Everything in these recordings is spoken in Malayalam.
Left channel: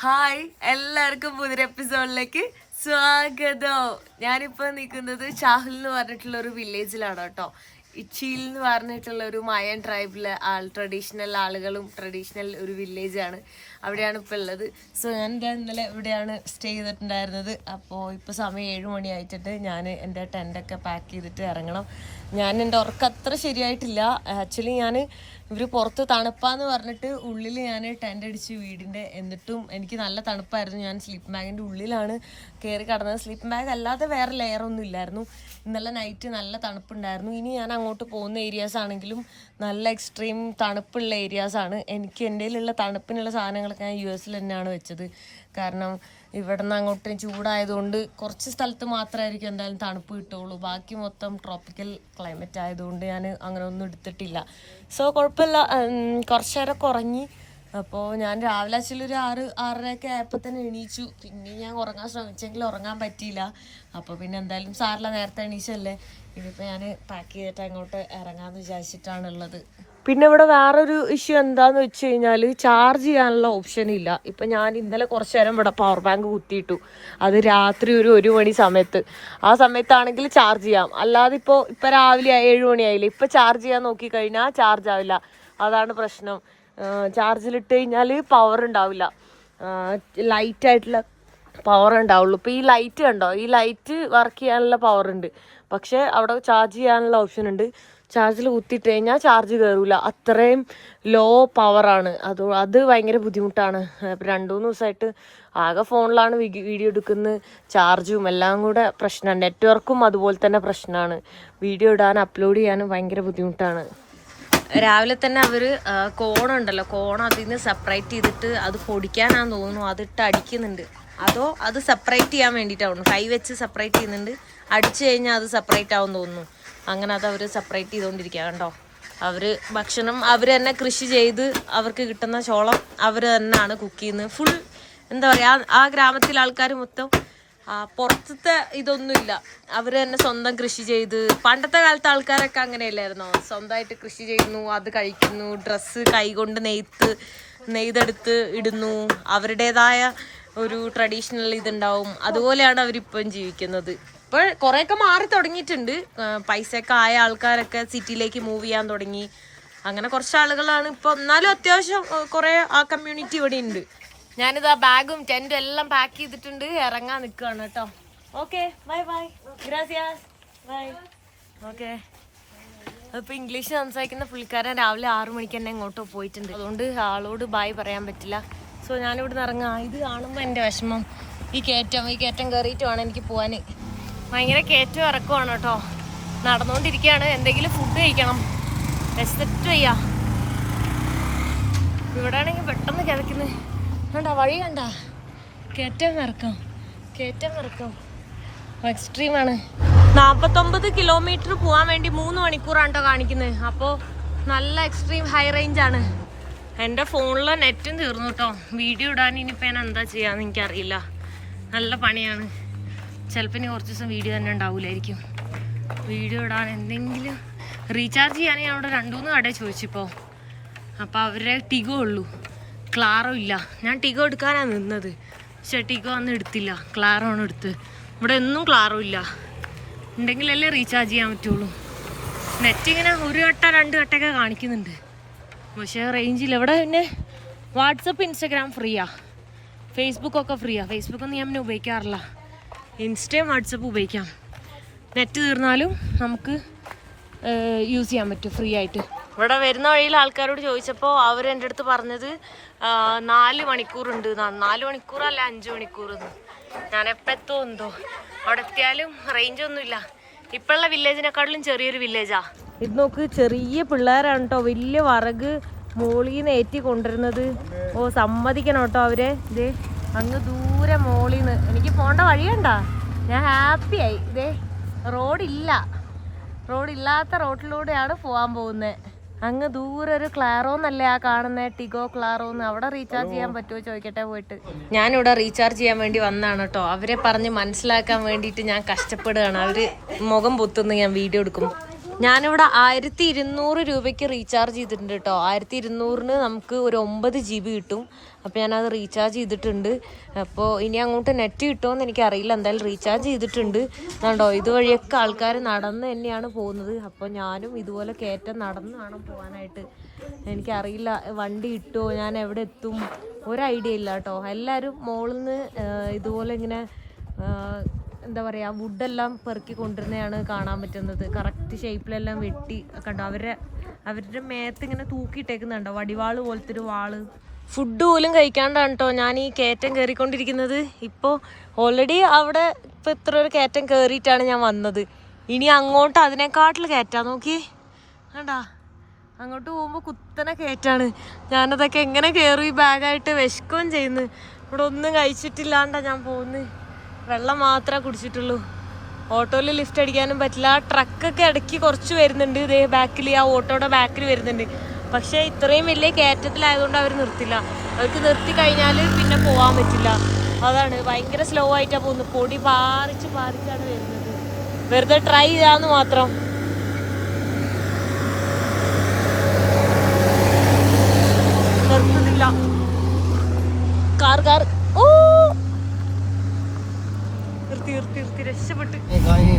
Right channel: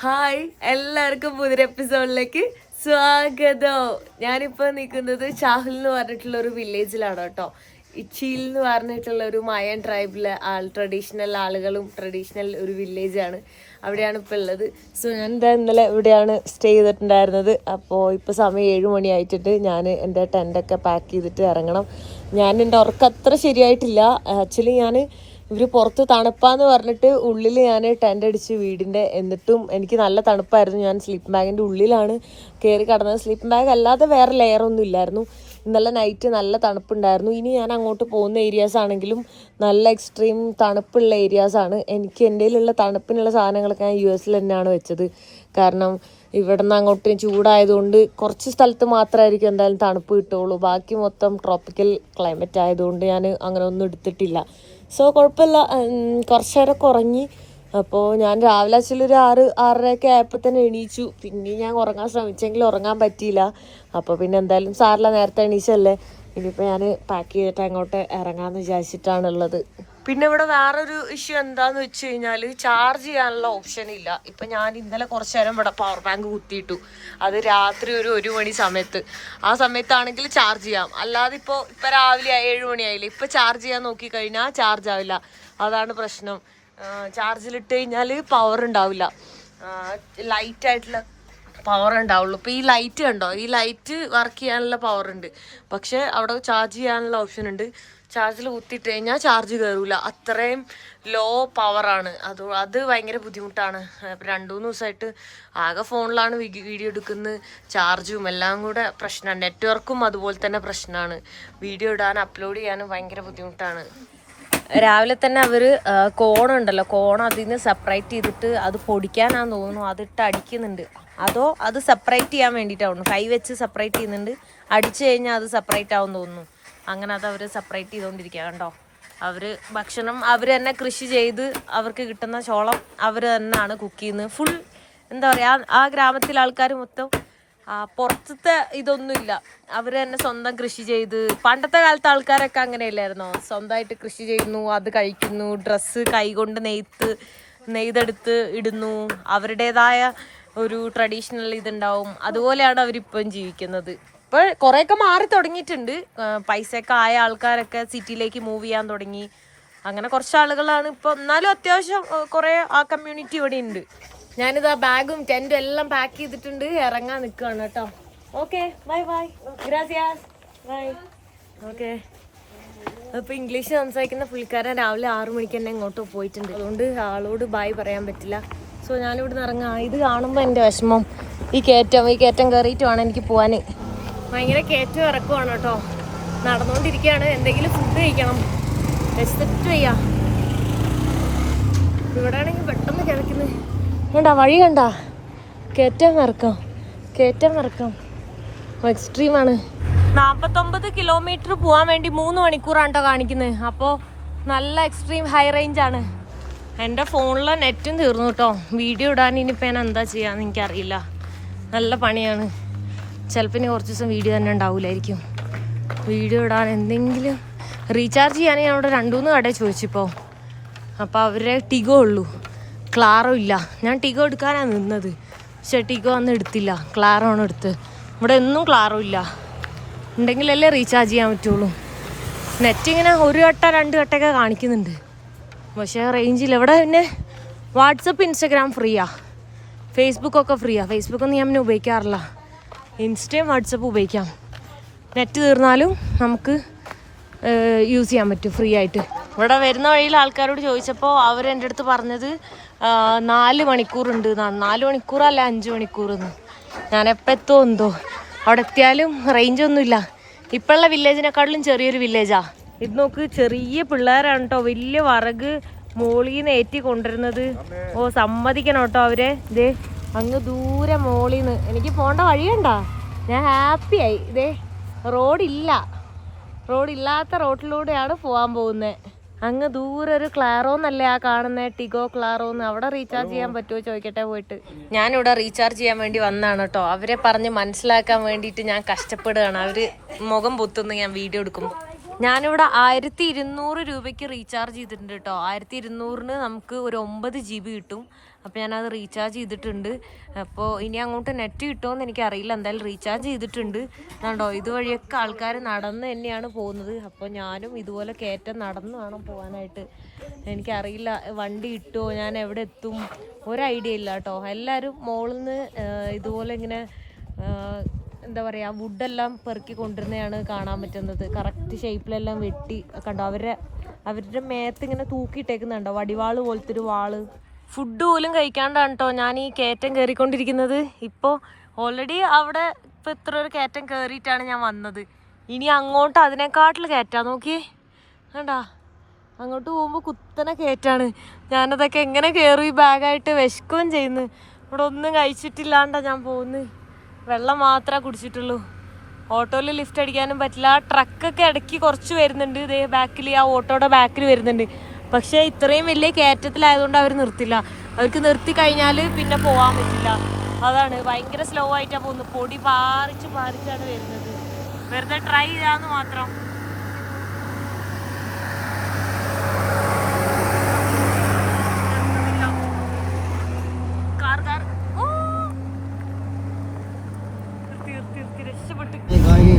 ഹായ്, എല്ലാവർക്കും പുതിയൊരു എപ്പിസോഡിലേക്ക് സ്വാഗതം. ഞാനിപ്പോൾ നിൽക്കുന്നത് ചാഹൽ എന്ന് പറഞ്ഞിട്ടുള്ള ഒരു വില്ലേജിലാണ് കേട്ടോ. ഇച്ചിയിൽ എന്ന് പറഞ്ഞിട്ടുള്ള ഒരു മയൻ ട്രൈബിലെ ട്രഡീഷണൽ ആളുകളും ട്രഡീഷണൽ ഒരു വില്ലേജാണ്. അവിടെയാണ് ഇപ്പോൾ ഉള്ളത്. സോ ഞാൻ ഇന്നലെ ഇവിടെയാണ് സ്റ്റേ ചെയ്തിട്ടുണ്ടായിരുന്നത്. അപ്പോൾ ഇപ്പോൾ സമയം 7 മണി ആയിട്ടുണ്ട്. ഞാൻ എൻ്റെ ടെൻ്റൊക്കെ പാക്ക് ചെയ്തിട്ട് ഇറങ്ങണം. എൻ്റെ ഉറക്കം അത്ര ശരിയായിട്ടില്ല. ആക്ച്വലി ഇവർ പുറത്ത് തണുപ്പാന്ന് പറഞ്ഞിട്ട് ഉള്ളിൽ ഞാൻ ടെൻ്റ് അടിച്ച് വീടിൻ്റെ, എന്നിട്ടും എനിക്ക് നല്ല തണുപ്പായിരുന്നു. ഞാൻ സ്ലീപ്പിംഗ് ബാഗിൻ്റെ ഉള്ളിലാണ് കയറി കിടന്നത്. സ്ലീപ്പിംഗ് ബാഗ് അല്ലാതെ വേറെ ലെയറൊന്നും ഇല്ലായിരുന്നു. ഇന്നലെ നൈറ്റ് നല്ല തണുപ്പുണ്ടായിരുന്നു. ഇനി ഞാൻ അങ്ങോട്ട് പോകുന്ന ഏരിയാസ് ആണെങ്കിലും നല്ല എക്സ്ട്രീം തണുപ്പുള്ള ഏരിയാസാണ്. എനിക്ക് എൻ്റെ കയ്യിലുള്ള തണുപ്പിനുള്ള സാധനങ്ങളൊക്കെ ഞാൻ US തന്നെയാണ് വെച്ചത്. കാരണം ഇവിടെ നിന്ന് അങ്ങോട്ട് ചൂടായതുകൊണ്ട് കുറച്ച് സ്ഥലത്ത് മാത്രമായിരിക്കും എന്തായാലും തണുപ്പ് കിട്ടുള്ളൂ. ബാക്കി മൊത്തം ട്രോപ്പിക്കൽ ക്ലൈമറ്റ് ആയതുകൊണ്ട് ഞാൻ അങ്ങനെ ഒന്നും എടുത്തിട്ടില്ല. സോ കുഴപ്പമില്ല. കുറച്ച് നേരമൊക്കെ ഉറങ്ങി. അപ്പോൾ ഞാൻ രാവിലെ ഒരു 6-6:30 ആയപ്പോൾ തന്നെ എണീച്ചു. പിന്നെ ഞാൻ ഉറങ്ങാൻ ശ്രമിച്ചെങ്കിലും ഉറങ്ങാൻ പറ്റിയില്ല. അപ്പോൾ പിന്നെ എന്തായാലും സാറില്ല, നേരത്തെ എണീച്ചല്ലേ. ഇനിയിപ്പോൾ ഞാൻ പാക്ക് ചെയ്തിട്ട് അങ്ങോട്ട് ഇറങ്ങാമെന്ന് വിചാരിച്ചിട്ടാണുള്ളത്. പിന്നെ ഇവിടെ വേറൊരു ഇഷ്യൂ എന്താണെന്ന് വെച്ച് കഴിഞ്ഞാൽ ചാർജ് ചെയ്യാനുള്ള ഓപ്ഷൻ ഇല്ല. ഇപ്പം ഞാൻ ഇന്നലെ കുറച്ച് നേരം ഇവിടെ പവർ ബാങ്ക് കുത്തിയിട്ടു. അത് രാത്രി ഒരു 1 മണി സമയത്ത്. ആ സമയത്താണെങ്കിൽ ചാർജ് ചെയ്യാം. അല്ലാതെ ഇപ്പോൾ രാവിലെ 7 മണിയായില്ലേ, ഇപ്പോൾ ചാർജ് ചെയ്യാൻ നോക്കിക്കഴിഞ്ഞാൽ ചാർജ് ആവില്ല. അതാണ് പ്രശ്നം. ചാർജിലിട്ട് കഴിഞ്ഞാൽ പവർ ഉണ്ടാവില്ല, ലൈറ്റായിട്ടുള്ള പവർ ഉണ്ടാവുള്ളൂ. ഇപ്പോൾ ഈ ലൈറ്റ് കണ്ടോ, ഈ ലൈറ്റ് വർക്ക് ചെയ്യാനുള്ള പവർ ഉണ്ട്, പക്ഷേ അവിടെ ചാർജ് ചെയ്യാനുള്ള ഓപ്ഷൻ ഉണ്ട്. ചാർജിൽ കുത്തിയിട്ട് കഴിഞ്ഞാൽ ചാർജ് കയറില്ല, അത്രയും ലോ പവറാണ്. അത് ഭയങ്കര ബുദ്ധിമുട്ടാണ്. 2-3 ദിവസമായിട്ട് ആകെ ഫോണിലാണ് വീഡിയോ എടുക്കുന്നത്. ചാർജും എല്ലാം കൂടെ പ്രശ്നമാണ്. നെറ്റ്വർക്കും അതുപോലെ തന്നെ പ്രശ്നമാണ്. വീഡിയോ ഇടാൻ അപ്ലോഡ് ചെയ്യാനും ഭയങ്കര ബുദ്ധിമുട്ടാണ്. രാവിലെ തന്നെ അവർ കോണുണ്ടല്ലോ, അതിൽ നിന്ന് സെപ്പറേറ്റ് ചെയ്തിട്ട് അത് പൊടിക്കാനാന്ന് തോന്നുന്നു, അതിട്ട് അടിക്കുന്നുണ്ട്. അതോ അത് സെപ്പറേറ്റ് ചെയ്യാൻ വേണ്ടിയിട്ടാവുന്നു, കൈ വെച്ച് സെപ്പറേറ്റ് ചെയ്യുന്നുണ്ട്. അടിച്ചു കഴിഞ്ഞാൽ അത് സെപ്പറേറ്റ് ആവും തോന്നുന്നു. അങ്ങനെ അത് അവർ സെപ്പറേറ്റ് ചെയ്തുകൊണ്ടിരിക്കുക. കണ്ടോ, അവർ ഭക്ഷണം അവർ തന്നെ കൃഷി ചെയ്ത് അവർക്ക് കിട്ടുന്ന ചോളം അവർ തന്നെയാണ് കുക്ക് ചെയ്യുന്നത്. ഫുൾ എന്താ പറയുക, ആ ഗ്രാമത്തിലെ ആൾക്കാർ മൊത്തം പുറത്തത്തെ ഇതൊന്നുമില്ല, അവർ തന്നെ സ്വന്തം കൃഷി ചെയ്ത്. പണ്ടത്തെ കാലത്തെ ആൾക്കാരൊക്കെ അങ്ങനെയല്ലായിരുന്നോ, സ്വന്തമായിട്ട് കൃഷി ചെയ്യുന്നു, അത് കഴിക്കുന്നു, ഡ്രസ്സ് കൈകൊണ്ട് നെയ്തെടുത്ത് ഇടുന്നു, അവരുടേതായ ഒരു ട്രഡീഷണൽ ഇതുണ്ടാവും. അതുപോലെയാണ് അവരിപ്പം ജീവിക്കുന്നത്. ഇപ്പോൾ കുറേയൊക്കെ മാറി തുടങ്ങിയിട്ടുണ്ട്. പൈസയൊക്കെ ആയ ആൾക്കാരൊക്കെ സിറ്റിയിലേക്ക് മൂവ് ചെയ്യാൻ തുടങ്ങി. അങ്ങനെ കുറച്ച് ആളുകളാണ് ഇപ്പോൾ. എന്നാലും അത്യാവശ്യം കുറേ ആ കമ്മ്യൂണിറ്റി ഇവിടെ ഉണ്ട്. ഞാനിതാ ബാഗും ടെൻറ്റും എല്ലാം പാക്ക് ചെയ്തിട്ടുണ്ട്, ഇറങ്ങാൻ നിൽക്കുകയാണ് കേട്ടോ. ഓക്കെ, ബൈ ബൈ, ഗ്രാസിയാസ്, ബൈ. ഓക്കെ, അപ്പോൾ ഇംഗ്ലീഷ് സംസാരിക്കുന്ന പുള്ളിക്കാരൻ രാവിലെ 6 മണിക്ക് തന്നെ ഇങ്ങോട്ട് പോയിട്ടുണ്ട്. അതുകൊണ്ട് ആളോട് ബായ് പറയാൻ പറ്റില്ല. സോ ഞാനിവിടെ നിന്ന് ഇറങ്ങാം. ഇത് കാണുമ്പോൾ എൻ്റെ വിഷമം ഈ കയറ്റം കയറിയിട്ട് വേണം എനിക്ക് പോകാൻ. ഭയങ്കര കയറ്റം ഇറക്കുവാണ് കേട്ടോ. നടന്നുകൊണ്ടിരിക്കുകയാണ്. എന്തെങ്കിലും ഫുഡ് കഴിക്കണം, വിശന്നിട്ട് വയ്യ. ഇവിടെ ആണെങ്കിൽ പെട്ടെന്ന് കിതയ്ക്കുന്നത് കണ്ടാ, വഴി കണ്ടാ, കയറ്റം ഇറക്കം എക്സ്ട്രീമാണ്. 49 കിലോമീറ്റർ പോകാൻ വേണ്ടി 3 മണിക്കൂറാണ് കാണിക്കുന്നത്. അപ്പോൾ നല്ല എക്സ്ട്രീം ഹൈ റേഞ്ചാണ്. എൻ്റെ ഫോണിലെ നെറ്റും തീർന്നു കേട്ടോ. വീഡിയോ ഇടാൻ ഇനിയിപ്പോൾ ഞാൻ എന്താ ചെയ്യാന്ന് എനിക്കറിയില്ല. നല്ല പണിയാണ്. ചിലപ്പോൾ ഇനി കുറച്ച് ദിവസം വീഡിയോ തന്നെ ഉണ്ടാവില്ലായിരിക്കും. വീഡിയോ ഇടാൻ എന്തെങ്കിലും റീചാർജ് ചെയ്യാൻ ഞാൻ അവിടെ 2-3 കടയിൽ ചോദിച്ചിപ്പോൾ. അപ്പോൾ അവരുടെ ടിഗോ ഉള്ളൂ, ക്ലാറോ ഇല്ല. ഞാൻ ടിഗോ എടുക്കാനാണ് നിന്നത്, പക്ഷേ ടിഗോ അന്ന് എടുത്തില്ല, ക്ലാറോ ആണ് എടുത്ത്. ഇവിടെ ഒന്നും ക്ലാറോ ഇല്ല. ഉണ്ടെങ്കിലല്ലേ റീചാർജ് ചെയ്യാൻ പറ്റുള്ളൂ. നെറ്റ് ഇങ്ങനെ 1 വട്ടം 2 വട്ടമൊക്കെ കാണിക്കുന്നുണ്ട്, പക്ഷേ റേഞ്ചില്ല ഇവിടെ. പിന്നെ വാട്സപ്പ്, ഇൻസ്റ്റഗ്രാം ഫ്രീയാ, ഫേസ്ബുക്കൊക്കെ ഫ്രീയാ. ഫേസ്ബുക്കൊന്നും ഞാൻ ഉപയോഗിക്കാറില്ല. ഇൻസ്റ്റയും വാട്സപ്പ് ഉപയോഗിക്കാം. നെറ്റ് തീർന്നാലും നമുക്ക് യൂസ് ചെയ്യാൻ പറ്റും ഫ്രീ ആയിട്ട്. ഇവിടെ വരുന്ന വഴിയിൽ ആൾക്കാരോട് ചോദിച്ചപ്പോൾ അവർ എൻ്റെ അടുത്ത് പറഞ്ഞത് 4 മണിക്കൂറുണ്ട്. 4 മണിക്കൂറല്ല, 5 മണിക്കൂറെന്ന്. ഞാൻ എപ്പോൾ എത്തുമോ എന്തോ. അവിടെ എത്തിയാലും റേഞ്ചൊന്നുമില്ല. ഇപ്പോഴുള്ള വില്ലേജിനെക്കാട്ടിലും ചെറിയൊരു വില്ലേജാണ് ഇത്. നോക്ക്, ചെറിയ പിള്ളേരാണ് കേട്ടോ വലിയ വിറക് മോളിൽ നിന്ന് ഏറ്റി കൊണ്ടുവരുന്നത്. ഓ, സമ്മതിക്കണം കേട്ടോ അവരെ. ഇതേ അങ്ങ് ദൂരെ മോളിൽ നിന്ന് എനിക്ക് പോകേണ്ട വഴിയണ്ട. ഞാൻ ഹാപ്പിയായി. ഇതേ റോഡില്ലാത്ത റോഡിലൂടെയാണ് പോകാൻ പോകുന്നത്. അങ്ങ് ദൂരെ ഒരു ക്ലാറോന്നല്ലേ ആ കാണുന്നത്, ടിഗോ ക്ലാറോന്ന്. അവിടെ റീചാർജ് ചെയ്യാൻ പറ്റുമോ ചോദിക്കട്ടെ പോയിട്ട്. ഞാനിവിടെ റീചാർജ് ചെയ്യാൻ വേണ്ടി വന്നതാണ് കേട്ടോ. അവരെ പറഞ്ഞ് മനസ്സിലാക്കാൻ വേണ്ടിയിട്ട് ഞാൻ കഷ്ടപ്പെടുകയാണ്. അവർ മുഖം പൊത്തുന്നു ഞാൻ വീഡിയോ എടുക്കുമ്പോൾ. ഞാനിവിടെ 1200 രൂപയ്ക്ക് റീചാർജ് ചെയ്തിട്ടുണ്ട് കേട്ടോ. 1200-ന് നമുക്ക് ഒരു 9 GB കിട്ടും. അപ്പോൾ ഞാനത് റീചാർജ് ചെയ്തിട്ടുണ്ട്. അപ്പോൾ ഇനി അങ്ങോട്ട് നെറ്റ് കിട്ടുമോയെന്ന് എനിക്കറിയില്ല. എന്തായാലും റീചാർജ് ചെയ്തിട്ടുണ്ട്. കണ്ടോ, ഇതുവഴിയൊക്കെ ആൾക്കാർ നടന്ന് തന്നെയാണ് പോകുന്നത്. അപ്പോൾ ഞാനും ഇതുപോലെ കയറ്റം നടന്ന് വേണം പോകാനായിട്ട്. എനിക്കറിയില്ല വണ്ടി കിട്ടുമോ, ഞാൻ എവിടെ എത്തും, ഒരു ഐഡിയ ഇല്ല കേട്ടോ. എല്ലാവരും മുകളിൽ നിന്ന് ഇതുപോലെ ഇങ്ങനെ എന്താ പറയുക, വുഡെല്ലാം പെറുക്കി കൊണ്ടുവരുന്നതാണ് കാണാൻ പറ്റുന്നത്. കറക്റ്റ് ഷേപ്പിലെല്ലാം വെട്ടി കണ്ടോ. അവരുടെ മേത്ത് ഇങ്ങനെ തൂക്കിയിട്ടേക്കുന്നുണ്ടോ, വടിവാള് പോലത്തെ ഒരു വാള്. ഫുഡ് പോലും കഴിക്കാണ്ടാണ് കേട്ടോ ഞാൻ ഈ കയറ്റം കയറിക്കൊണ്ടിരിക്കുന്നത്. ഇപ്പോൾ ഓൾറെഡി അവിടെ ഇപ്പോൾ ഇത്ര ഒരു കയറ്റം കയറിയിട്ടാണ് ഞാൻ വന്നത്. ഇനി അങ്ങോട്ട് അതിനെക്കാട്ടിൽ കയറ്റാൻ നോക്കി കണ്ടാ. അങ്ങോട്ട് പോകുമ്പോൾ കുത്തനെ കയറ്റാണ്. ഞാനതൊക്കെ എങ്ങനെ കയറി, ബാഗായിട്ട് വിശക്കുകയും ചെയ്യുന്നു. ഇവിടെ ഒന്നും കഴിച്ചിട്ടില്ലാണ്ടാ ഞാൻ പോകുന്നത്. വെള്ളം മാത്രമേ കുടിച്ചിട്ടുള്ളൂ. ഓട്ടോയിൽ ലിഫ്റ്റ് അടിക്കാനും പറ്റില്ല. ട്രക്കൊക്കെ ഇടയ്ക്ക് കുറച്ച് വരുന്നുണ്ട്. ഇതേ ബാക്കിൽ, ആ ഓട്ടോയുടെ ബാക്കിൽ വരുന്നുണ്ട്. പക്ഷേ ഇത്രയും വലിയ കയറ്റത്തിലായതുകൊണ്ട് അവർ നിർത്തില്ല. അവർക്ക് നിർത്തി കഴിഞ്ഞാൽ പിന്നെ പോകാൻ പറ്റില്ല. അതാണ്, ഭയങ്കര സ്ലോ ആയിട്ടാണ് പോകുന്നത്. പൊടി പാറിച്ചാണ് വരുന്നത്. വെറുതെ ട്രൈ ചെയ്യാന്ന് മാത്രം. നിർത്തുന്നില്ല. കാർ ഓ നിർത്തി രക്ഷപ്പെട്ടു.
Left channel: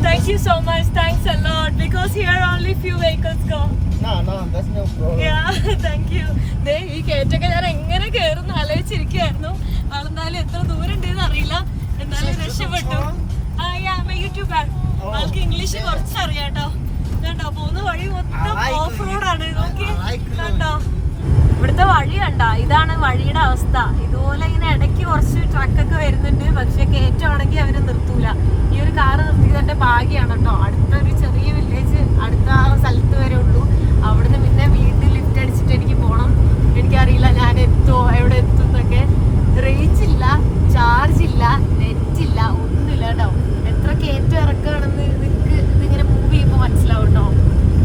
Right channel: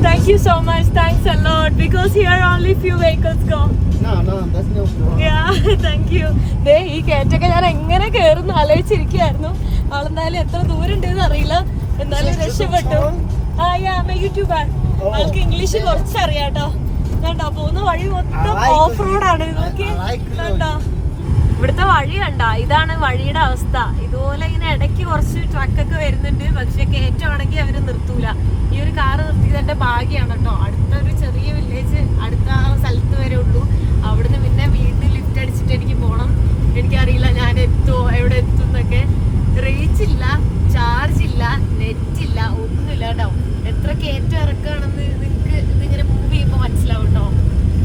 Thank you so much. Thanks a lot, because here only few vehicles go. No, that's no problem. Yeah, thank you. ഈ കയറ്റൊക്കെ ഞാൻ എങ്ങനെ കയറുന്നു ആലോചിച്ചിരിക്കുകയായിരുന്നു. ആളെന്നാലും എത്ര ദൂരം ഉണ്ടെന്ന് അറിയില്ല, എന്നാലും രക്ഷപ്പെട്ടു. ആൾക്ക് ഇംഗ്ലീഷ് കുറച്ചറിയാട്ടോ. കണ്ടോ, പോകുന്ന വഴി മൊത്തം ഓഫ് റോഡാണ്. കണ്ടോ, ഇവിടുത്തെ വഴി കണ്ടോ, ഇതാണ് വഴിയുടെ അവസ്ഥ. ഇതുപോലെ ഇങ്ങനെ ഇടയ്ക്ക് കുറച്ച് ട്രക്കൊക്കെ വരുന്നുണ്ട്. പക്ഷെ കയറ്റമാണെങ്കിൽ അവര് നിർത്തൂല. ഈ ഒരു കാറ് നിർത്തിയതിന്റെ ഭാഗ്യമാണ് കേട്ടോ. അടുത്തൊരു ചെറിയ വില്ലേജ് അടുത്ത സ്ഥലത്ത് വരെ ഉള്ളൂ. അവിടുന്ന് പിന്നെ വീട്ടിൽ ലിഫ്റ്റ് അടിച്ചിട്ട് എനിക്ക് പോകണം. എനിക്കറിയില്ല ഞാൻ എത്തുമോ, എവിടെ എത്തും എന്നൊക്കെ. റേഞ്ച് ഇല്ല, ചാർജ് ഇല്ല, നെറ്റ് ഇല്ല, ഒന്നുമില്ല കേട്ടോ. എത്ര കയറ്റം ഇറക്കുകയാണെന്ന് നിങ്ങൾക്ക് ഇതിങ്ങനെ മൂവ് ചെയ്യുമ്പോൾ മനസ്സിലാവും കേട്ടോ.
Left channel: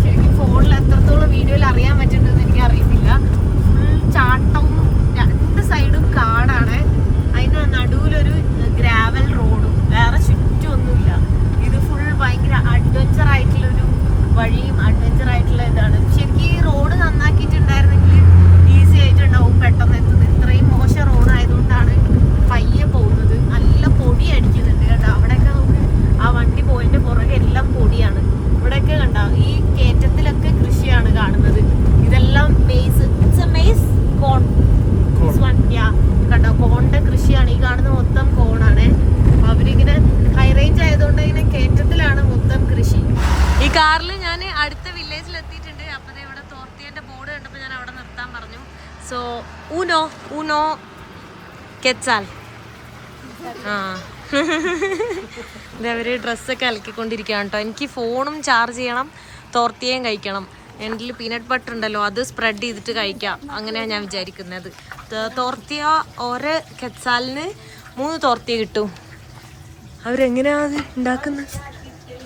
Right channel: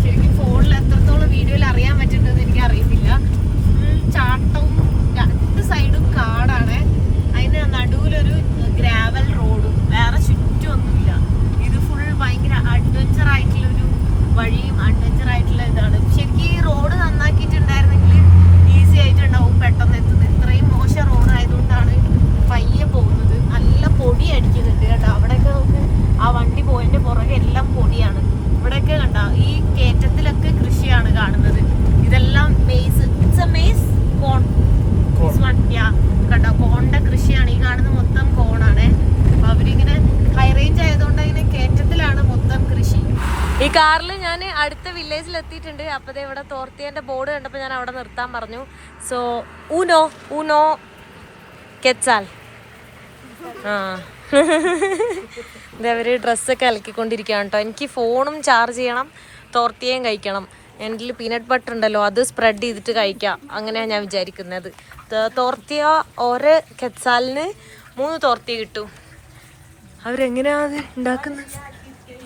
ശരിക്കും ഫോണിൽ എത്രത്തോളം വീഡിയോയിൽ അറിയാൻ പറ്റുന്നുണ്ടെന്ന് എനിക്ക് അറിയത്തില്ല. ചാട്ടവും രണ്ട് സൈഡും കാടാണ്. അതിന് നടുവിലൊരു ഗ്രാവൽ റോഡും, വേറെ ചുറ്റുമൊന്നുമില്ല. ഇത് ഫുൾ ഭയങ്കര അഡ്വഞ്ചർ ആയിട്ടുള്ളൊരു വഴിയും അഡ്വഞ്ചർ ആയിട്ടുള്ള ഇതാണ്. ശരിക്കും ഈ റോഡ് നന്നാക്കിയിട്ടുണ്ടായിരുന്നെങ്കിൽ ഈസി ആയിട്ടുണ്ടാവും പെട്ടെന്ന് എത്തുന്നത്. ഇത്രയും മോശം റോഡായതുകൊണ്ടാണ് പയ്യെ പോകുന്നത്. നല്ല പൊടി അടിക്കുന്നുണ്ട് കേട്ടോ. അവിടെയൊക്കെ നമുക്ക് ആ വണ്ടി പോയതിൻ്റെ പുറകെ എല്ലാം പൊടിയാണ്. ഇവിടെയൊക്കെ കണ്ട ഈ കയറ്റത്തിലൊക്കെ കൃഷിയാണ് കാണുന്നത്. ഇതെല്ലാം മെയ്സ്, ഇറ്റ്സ് എ മെയ്സ് കോൺ. കണ്ടോ, കോണിന്റെ കൃഷിയാണ് ഈ കാണുന്ന മൊത്തം. കോണാണ്. അവരിങ്ങനെ ഹൈ റേഞ്ച് ആയതുകൊണ്ട് ഇങ്ങനെ കയറ്റത്തിലാണ് മൊത്തം കൃഷി. ഈ കാറിൽ ഞാൻ അടുത്ത വില്ലേജിൽ എത്തിയിട്ടുണ്ട്. അപ്പോൾ ഇവിടെ തോർത്തിയന്റെ ബോർഡ് കണ്ടപ്പോൾ ഞാൻ അവിടെ നിർത്താൻ പറഞ്ഞു. സോ ഊനോ കെച്ചാൽ ഇതവര് ഡ്രസ്സൊക്കെ അലക്കിക്കൊണ്ടിരിക്കുകയാണ് കേട്ടോ. എനിക്ക് ഫോണും ചാർജ് ചെയ്യണം, തോർത്തിയേയും കഴിക്കണം. എൻ്റെ പീനട്ട് ബട്ടർ ഉണ്ടല്ലോ, അത് സ്പ്രെഡ് ചെയ്തിട്ട് കഴിക്കാം. അങ്ങനെയാണ് ഞാൻ വിചാരിക്കുന്നത്. തോർത്തിയ ഓരോ കെച്ചാലിന് 3 തോർത്തിയ കിട്ടും. അവരെങ്ങനെയാണ് അത് ഉണ്ടാക്കുന്നത്?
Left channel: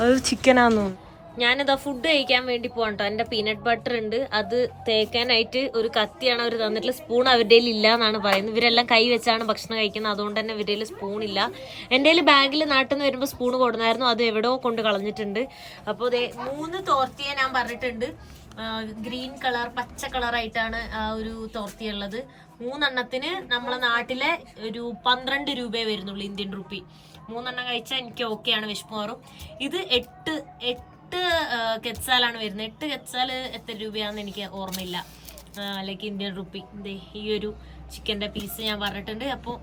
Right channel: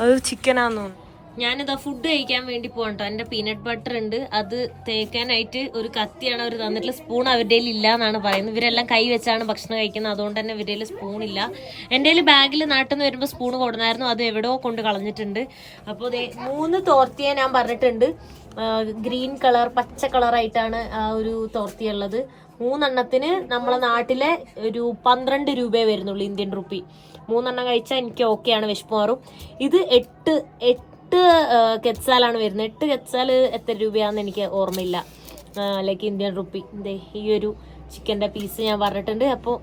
അത് ചിക്കനാന്ന് തോന്നുന്നു. ഞാനിതാ ഫുഡ് കഴിക്കാൻ വേണ്ടി പോകാം കേട്ടോ. എൻ്റെ പീനട്ട് ബട്ടർ ഉണ്ട്, അത് തേക്കാനായിട്ട് ഒരു കത്തിയാണ് അവർ തന്നിട്ടുള്ള. സ്പൂൺ അവരുടെ ഇല്ല എന്നാണ് പറയുന്നത്. ഇവരെല്ലാം കൈ വെച്ചാണ് ഭക്ഷണം കഴിക്കുന്നത്, അതുകൊണ്ട് തന്നെ ഇവരുടെ സ്പൂണില്ല. എൻ്റെ ബാഗിൽ നാട്ടിൽ നിന്ന് വരുമ്പോൾ സ്പൂൺ കൊടുന്നായിരുന്നു, അത് എവിടെയോ കൊണ്ട് കളഞ്ഞിട്ടുണ്ട്. അപ്പോൾ 3 തോർത്തിയെ ഞാൻ പറഞ്ഞിട്ടുണ്ട്. ഗ്രീൻ കളർ, പച്ച കളറായിട്ടാണ് ആ ഒരു തോർത്തിയുള്ളത്. 3 എണ്ണത്തിന് നമ്മളെ നാട്ടിലെ ഒരു 12 രൂപയെ വരുന്നുള്ളൂ, ഇന്ത്യൻ റുപ്പി. 3 എണ്ണം കഴിച്ചാൽ എനിക്ക് ഓക്കെയാണ്, വിശപ്പ് മാറും. ഇത് 8 കെച്ചാലാണ് വരുന്നത്. 8 കെച്ചാൽ എത്ര രൂപയാണെന്ന് എനിക്ക് ഓർമ്മയില്ല, ലൈക്ക് ഇന്ത്യൻ റുപ്പി. ഈ ഒരു ചിക്കൻ്റെ പീസ് ഞാൻ പറഞ്ഞിട്ടുണ്ട്. അപ്പോൾ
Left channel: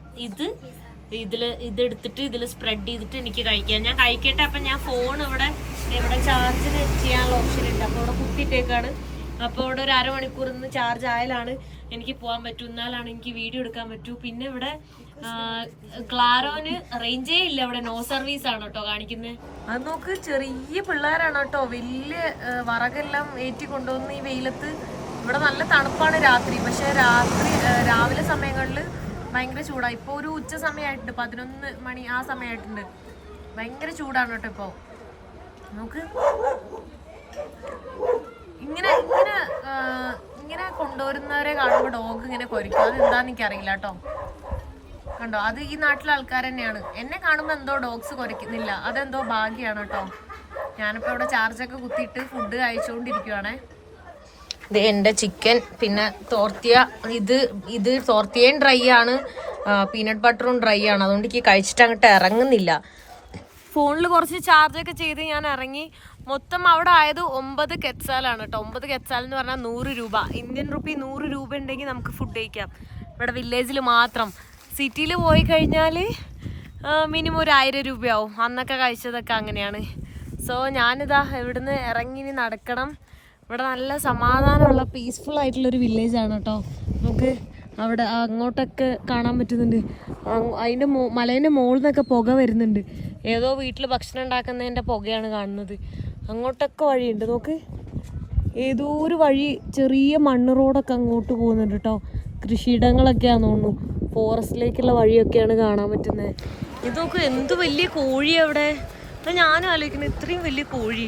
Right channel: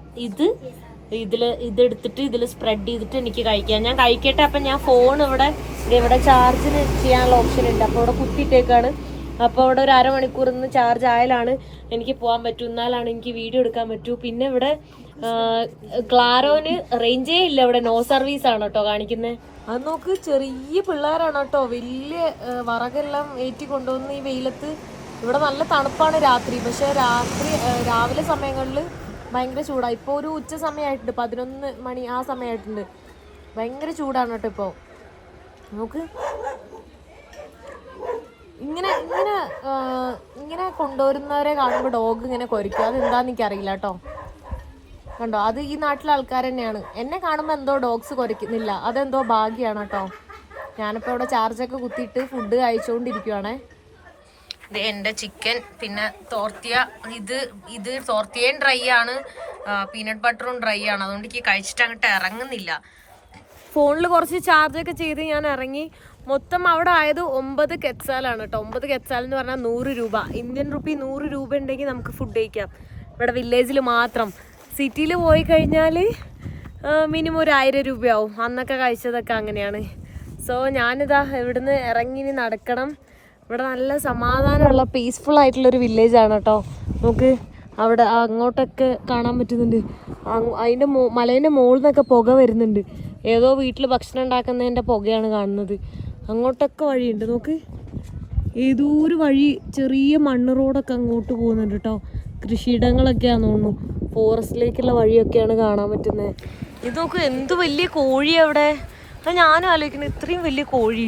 ഇതെടുത്തിട്ട് ഇതിൽ സ്പ്രെഡ് ചെയ്തിട്ട് എനിക്ക് കഴിക്കാം. ഞാൻ കഴിക്കട്ടെ. അപ്പം ഞാൻ ഫോൺ ഇവിടെ ചാർജിന് ചെയ്യാനുള്ള ഓപ്ഷൻ ഉണ്ട്. അപ്പോൾ ഇവിടെ കുത്തിയിട്ടേക്കാണ്. അപ്പോൾ അവിടെ ഒരു അരമണിക്കൂർ നിന്ന് ചാർജ് ആയാലാണ് എനിക്ക് പോകാൻ പറ്റൂ, എന്നാലാണ് എനിക്ക് വീഡിയോ എടുക്കാൻ പറ്റൂ. പിന്നെ ഇവിടെ ക്ലാരോന് റേഞ്ചേ ഇല്ല, ഇവിടെ നോ സർവീസ് ആണ് കേട്ടോ കാണിക്കുന്നത്. അത് നോക്ക്, ചെറിയ പിള്ളേരാണ് കേട്ടോ. വലിയ വറകെല്ലാം ഏറ്റി കൊണ്ടുവന്ന് ഈ വെയിലത്ത്. ഇവിടെ നല്ല തണുപ്പാണ് രാത്രി, പക്ഷെ രാവിലെ സമയങ്ങളിൽ ഭയങ്കര ചൂടാണ്. ഇപ്പോൾ ഒരു ഉച്ച സമയമായിട്ടുണ്ട്, 11 മണി ആ സമയമായിട്ടുണ്ട്. ഭയങ്കര ചൂടാണ് കേട്ടോ ഇപ്പോൾ. നമുക്ക് ഇങ്ങനെ കൊണ്ടുവരുന്നവരെ കാണുമ്പോൾ ഡോഗ് ഇങ്ങനെ കൊരിക്കും. അത് എന്താന്ന് എനിക്കറിയില്ല കേട്ടോ. കണ്ടോ, അത് ഈ നാട്ടിലെ ആൾക്കാർ തന്നെയാണ്. എന്നെ കാണുമ്പോൾ എന്തോ ഡോഗ്സ് കൊരയ്ക്കുന്നില്ല, അതെന്തോ ഭാഗ്യമാണ് കേട്ടോ. ഞാനിപ്പോൾ ഇവിടെ ചാർജൊക്കെ കുത്തിയിട്ട് ഫുഡ് കഴിച്ചുകൊണ്ടിരിക്കുവാണേ. ഇത് എൻ്റെ ചിക്കൻ, പിന്നെ തോർത്തിയ, ഇത് തോർത്തിയയും ഡ്രൈ ആണ്, പീനട്ട് ബട്ടറും ഡ്രൈ ആണ്. അതുകൊണ്ട് എനിക്ക് കഴിച്ചിട്ട് അങ്ങോട്ട് ഇറങ്ങുന്നില്ല. ഫോണിൽ കുറച്ച് ചാർജൊക്കെ ചെയ്ത് ഞാൻ ഇറങ്ങി. മൊത്തം അവിടെ ആയത് 9 കെറ്റ്സാലാണ് കേട്ടോ. 9 കെറ്റ്സാൽ എന്ന് പറഞ്ഞാൽ 100 രൂപ, ഇന്ത്യൻ റുപ്പി 100 രൂപ ഉണ്ടെങ്കിൽ നമുക്ക് ഫുഡ് കഴിക്കാം ഇവിടെ വില്ലേജിൽ മാത്രം. സിറ്റിയിൽ പോയി കഴിഞ്ഞാൽ മിനിമം ഒരു 1000 രൂപയാവും. അന്നൊക്കെ കഴിച്ചതൊക്കെ അങ്ങനെയാണ്. സോ ഞാനിതാ ഇവിടുന്ന് ഇറങ്ങി ഇനി നടക്കണം. ഇവിടെ നല്ല സമാധാനമുള്ള പീസ്ഫുൾ ആയിട്ടുള്ളൊരു വില്ലേജാണ് കേട്ടോ. നമുക്ക് അവിടെ അങ്ങോട്ടൊക്കെ കാണാൻ പറ്റുന്നുണ്ട്. അതിൻ്റെ മലേൻ്റെ മുകളിൽ നിന്നൊക്കെ പുക വരുന്നുണ്ട്. ഏതോ വീട്ടിൽ ഭക്ഷണം ഉണ്ടാക്കുന്നതിൻ്റെ പുകയാണ് കാണുന്നത്. അങ്ങോട്ടൊക്കെ വഴിയുണ്ട്. നോക്ക്, ഏതോ ഒരു വഴി, ചെറിയ മണ്ണ് റോഡൊക്കെ അങ്ങോട്ട് പോകുന്നുണ്ട് കേട്ടോ. കൃഷിയിടങ്ങളൊക്കെയാണെന്ന് തോന്നുന്നു. ഫോറസ്റ്റിലേക്കുള്ള വഴിയൊക്കെയാണ് കാണാൻ പറ്റുന്നത്. ഇത് നോക്ക്, എന്ത് വലിയ കോഴി അവിടെ. അപ്പം ഞാനും ആലോചിക്കുന്നത്, ഇത്രയും വലിയ കോഴി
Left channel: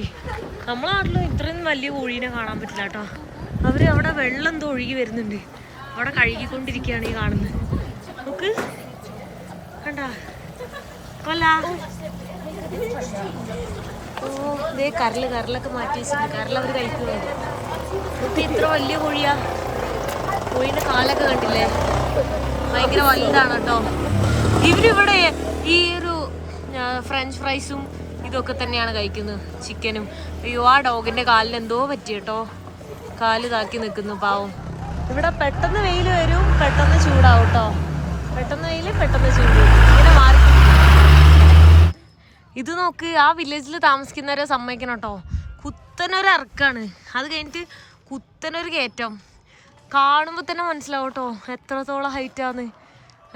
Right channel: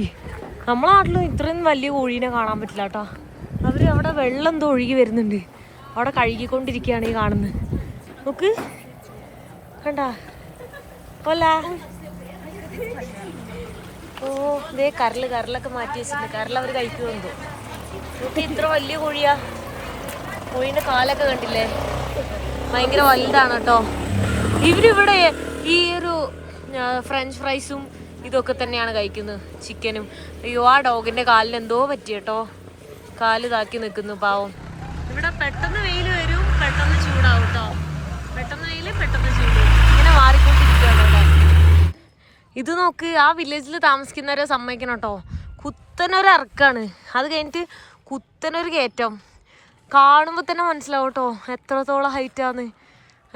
നമ്മളെ നാട്ടിലും ഇത്രയും വലിയ കോഴീനെ കാണാൻ പറ്റില്ല കേട്ടോ. അവർ അവിടെ വെള്ളം എന്തോ ഒഴുകി വരുന്നുണ്ട്, അവിടെ കഴുകിക്കൊണ്ടിരിക്കുകയാണ് ഈ കാണുന്നത്. നോക്ക്, കണ്ടാ അല്ല. ഓ ഇതേ കരലൊക്കെ മാറ്റി വെച്ചിട്ടുണ്ട്. കരൽ അവർ കഴിക്കുന്നുണ്ട്. നോക്കി, ഇത്ര വലിയ കോഴിയാ. കോഴീൻ്റെ കാലൊക്കെ കണ്ടില്ലേ, ഭയങ്കര വലുതാണ് കേട്ടോ. ഇവരിവിടെ ഈ ഒരു ഫ്രഞ്ച് ഫ്രൈസും ഇതൊക്കെ തന്നെയാണ് കഴിക്കുന്നത്, ചിക്കനും. അയ്യോ, ആ ഡോഗിൻ്റെ കാലിന് എന്തോ പറ്റി കേട്ടോ, കാല് താക്കി നിൽക്കുന്നു പാവം. ഇവിടെ പെട്ടെന്ന് വെയിൽ വരും, പെട്ടെന്ന് ചൂടാവും കേട്ടോ. പെട്ടെന്ന് വെയിൽ, പെട്ടെന്ന് ചൂട്, ഇങ്ങനെ മാറിക്കൊണ്ടിരിക്കുകയാണ്. ഇത് നോക്ക്, ആ വില്ലേജിൽ താമസിക്കുന്നവരെ സമ്മതിക്കണം കേട്ടോ. കുത്തനൊരു ഇറക്കാണ്, അത് കഴിഞ്ഞിട്ട് കുത്തനൊരു കയറ്റം. കാണുമ്പോൾ തന്നെ മനസ്സിലാവും കേട്ടോ എത്രത്തോളം ഹൈറ്റാന്ന്.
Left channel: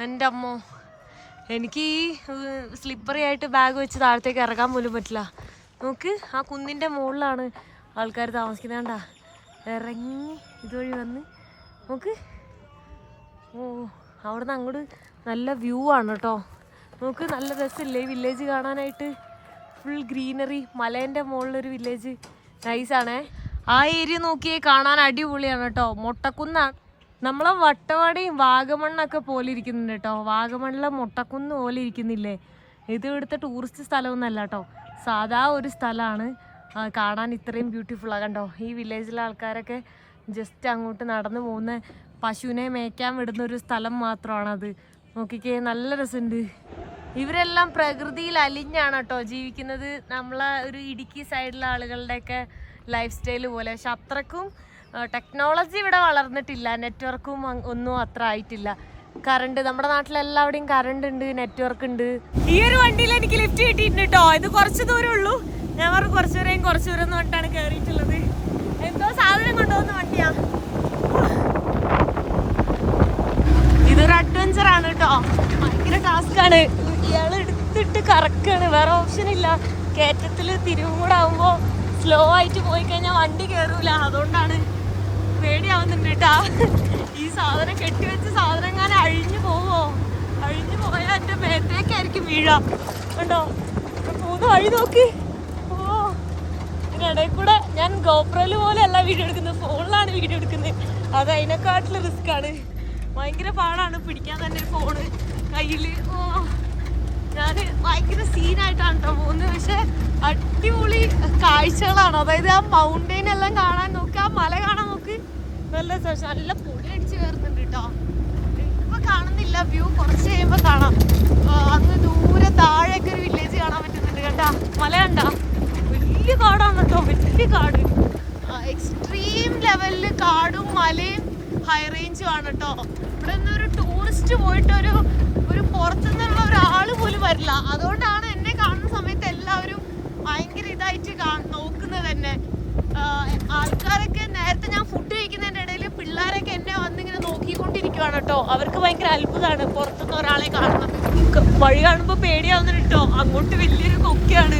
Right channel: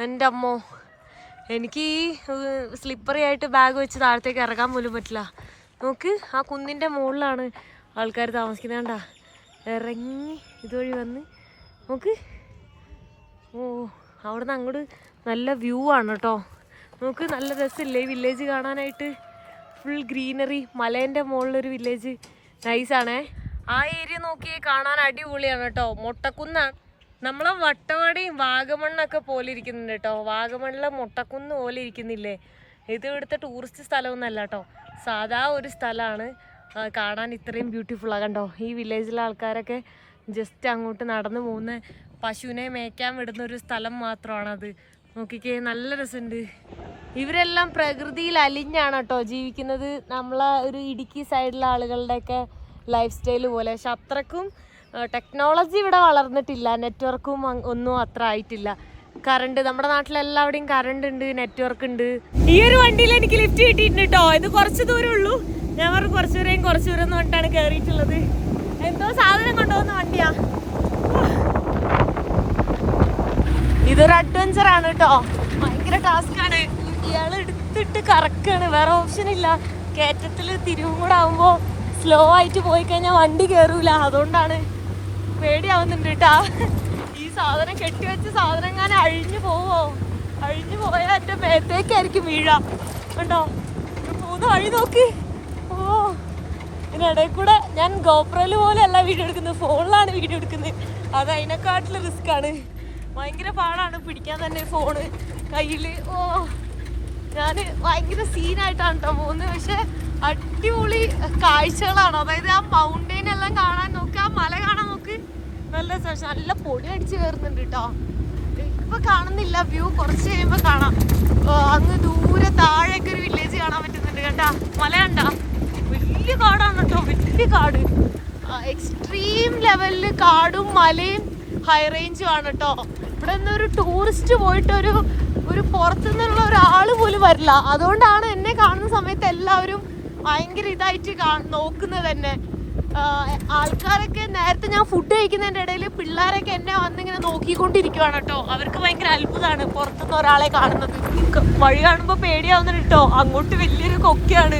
എൻ്റെ അമ്മോ, എനിക്ക് ഈ സ്ലിപ്പറി ആയിട്ട് ബാഗ് വെച്ച് താഴത്തേക്ക് ഇറങ്ങാൻ പോലും പറ്റില്ല. നോക്ക്, ആ കുന്നിൻ്റെ മുകളിലാണ് ആൾക്കാർ താമസിക്കുന്നത്. കണ്ടാ, ഇറങ്ങി ഇതുവഴി വന്ന് നോക്ക്. ഓ, അവിടെ നിന്ന് അങ്ങോട്ട് നല്ല വ്യൂ ആണ് കേട്ടോ. നോക്ക്, നല്ല രസമില്ലേ ഈ വില്ലേജ് കാണാനായിട്ട്. ഫുൾ ഗ്രീനറി, മലേൻ്റെ മുകളിലൊരു വില്ലേജ്, നൈസാണേ. ആ ഏരിയ നോക്കിയേ കാണാൻ അടിപൊളിയാണ് കേട്ടോ. മൊട്ടക്കുന്നാണ്. നമ്മളെ വട്ടവടയും വാഗമണ്ണൊക്കെ പോലെ ഇരിക്കുന്നുണ്ട് കേട്ടോ. വാഗമണ്ണിലെ മൊട്ടക്കുന്ന് പോലെ ഇരിക്കുന്നില്ലേ. ഇത് ഇവിടുത്തെ ടൂറിസ്റ്റ് സ്ഥലമൊന്നുമല്ല കേട്ടോ, സാധാ ഒരു സ്ഥലമാണ്. കാണാൻ ഇത്രയും ബ്യൂട്ടിഫുള്ളാണ് കണ്ടോ. ഈ വില്ലേജിലെ ആൾക്കാരൊക്കെ ജസ്റ്റ് അങ്ങോട്ട് നടന്നു പോകുന്ന, പശുവിനെ മേയ്ക്കാൻ വിടുന്ന ഒരു സ്ഥലം മാത്രമാണത്. നോക്കിക്കേ, നല്ല രസമുണ്ട്. ഇവരെല്ലാം പ്രകൃതിയിൽ അലിഞ്ഞാണ് കേട്ടോ ജീവിക്കുന്നത്. നമ്മളെ ഒരു ഇടുക്കി സൈഡിലെ ആളുകളുടെയൊക്കെ ലൈഫ് സ്റ്റൈൽ പോലെ. പക്ഷെ അത്രക്കും ടെക്നോളജി ഇവിടെ വളർന്നിട്ടില്ല, നെറ്റ്വർക്കും ഒന്നും അത്ര ആയിട്ടില്ല. കറണ്ട്, നമ്മുടെ നാട്ടിലെല്ലാവിടെയും കറണ്ട് ഉണ്ട്, നെറ്റ്വർക്ക് ഉണ്ട്. ഈ ഒരു വണ്ടിയിൽ എനിക്ക് ലിഫ്റ്റ് കിട്ടിയിട്ടുണ്ട് കേട്ടോ. ഇത് കുറച്ച് ദൂരം ഉള്ളൂ. ഞാൻ പറഞ്ഞു കുറച്ച് ദൂരം എന്ന് പറഞ്ഞിട്ടാണ് കയറിയിട്ടുള്ളത്. എന്തോ സാധനം കൊണ്ടുപോകുന്ന വണ്ടിയാ. ഇതൊരു അഡ്വഞ്ചർ ആണ് കേട്ടോ, ഭയങ്കര ടാസ്ക്കാണ്. ഇയാൾ എടുത്തിട്ട് കറക്കാണ്, വേറെ ഓപ്ഷൻ ഇല്ല. കയറ്റത്തിൽ തിരിവും കൂടെ ആകുമ്പോൾ സ്ലോ ആയിട്ട് പോയി കഴിഞ്ഞാൽ വണ്ടി കയറൂല. അതുകൊണ്ടാണ് പേടിയാവുന്നുണ്ട് കേട്ടാ. ഈ സാധനം കെട്ടിവെച്ച സാധനം എങ്ങനെ അഴിഞ്ഞു പോവോ? അഴിഞ്ഞു പോയാൽ എൻ്റെ മേത്തേക്കായിരിക്കും വീഴ. കണ്ടോ പോകുന്ന വഴി നോക്ക്. ഓ, ഇതിനിടയിൽ കൂടെ ഞാൻ ഗോപ്രോയിൽ പോലെ അല്ല വീഡിയോ എടുക്കുന്നത്, ഫോണിലാണ് വീഡിയോ എടുക്കുന്നത്. അത് അതിനെക്കാട്ടിലും റിസ്ക് ആണ്. ഭയങ്കര പാടാണ് പിടിക്കാൻ തന്നെ ഫോണ് കയ്യിൽ. ഓ, ഞാൻ ഭയങ്കര സീനായിട്ടാണ് കേട്ടോ പോകുന്നത്. പക്ഷെ അടിപൊളി കാഴ്ചകളാണ്. അതായത് ആ മൗണ്ടെയിൻ എല്ലാം കാണാൻ നോക്ക്, ആ മല കാണാൻ നോക്ക്. നല്ല നല്ല പൊടി അടിച്ച് കയറുന്നുണ്ട് കേട്ടോ. ഇപ്പൊ കാണുന്നില്ല, വ്യൂ കുറച്ച് കഴിയുമ്പോൾ കാണാം. അങ്ങ് ദൂരെ താഴെയൊക്കെ ഒരു വില്ലേജ് കാണാൻ പറ്റുന്നുണ്ട് കേട്ടാ. മല കണ്ടാ, വലിയ കാടാണ് കേട്ടോ, വലിയ കാട്. എക്സ്ട്രീം ലെവലില് കാടും മലയും ഹൈ റേഞ്ചും ആണ് കേട്ടോ. ഇവിടെ ഒന്നും ഒരു ടൂറിസ്റ്റ് പോയിട്ട് ഒരു പുറത്തുനിന്നുള്ള ഒരാൾ പോലും വരില്ല. അതുകൊണ്ടാണ് എന്നെ കാണുന്ന സമയത്ത് എല്ലാവരും ഭയങ്കര ഇതായിട്ട് നോക്കുന്നത് തന്നെ. ആൾക്കാരൊക്കെ നേരത്തെ ഞാൻ ഫുഡ് കഴിക്കുന്നതിൻ്റെ ഇടയിൽ പിള്ളേരൊക്കെ എന്നെ വന്നിങ്ങനെ നോക്കിക്കൊണ്ടിരിക്കുവാണ് കേട്ടോ. അവർക്ക് ഭയങ്കര അത്ഭുതമാണ് പുറത്തുനിന്ന് ഒരാളെ കാണുന്നത്. വഴി കാണുമ്പോൾ പേടിയാവുന്നുണ്ട് കേട്ടോ. അങ്ങോട്ട് വലിയൊരു കൊക്കയാണ്.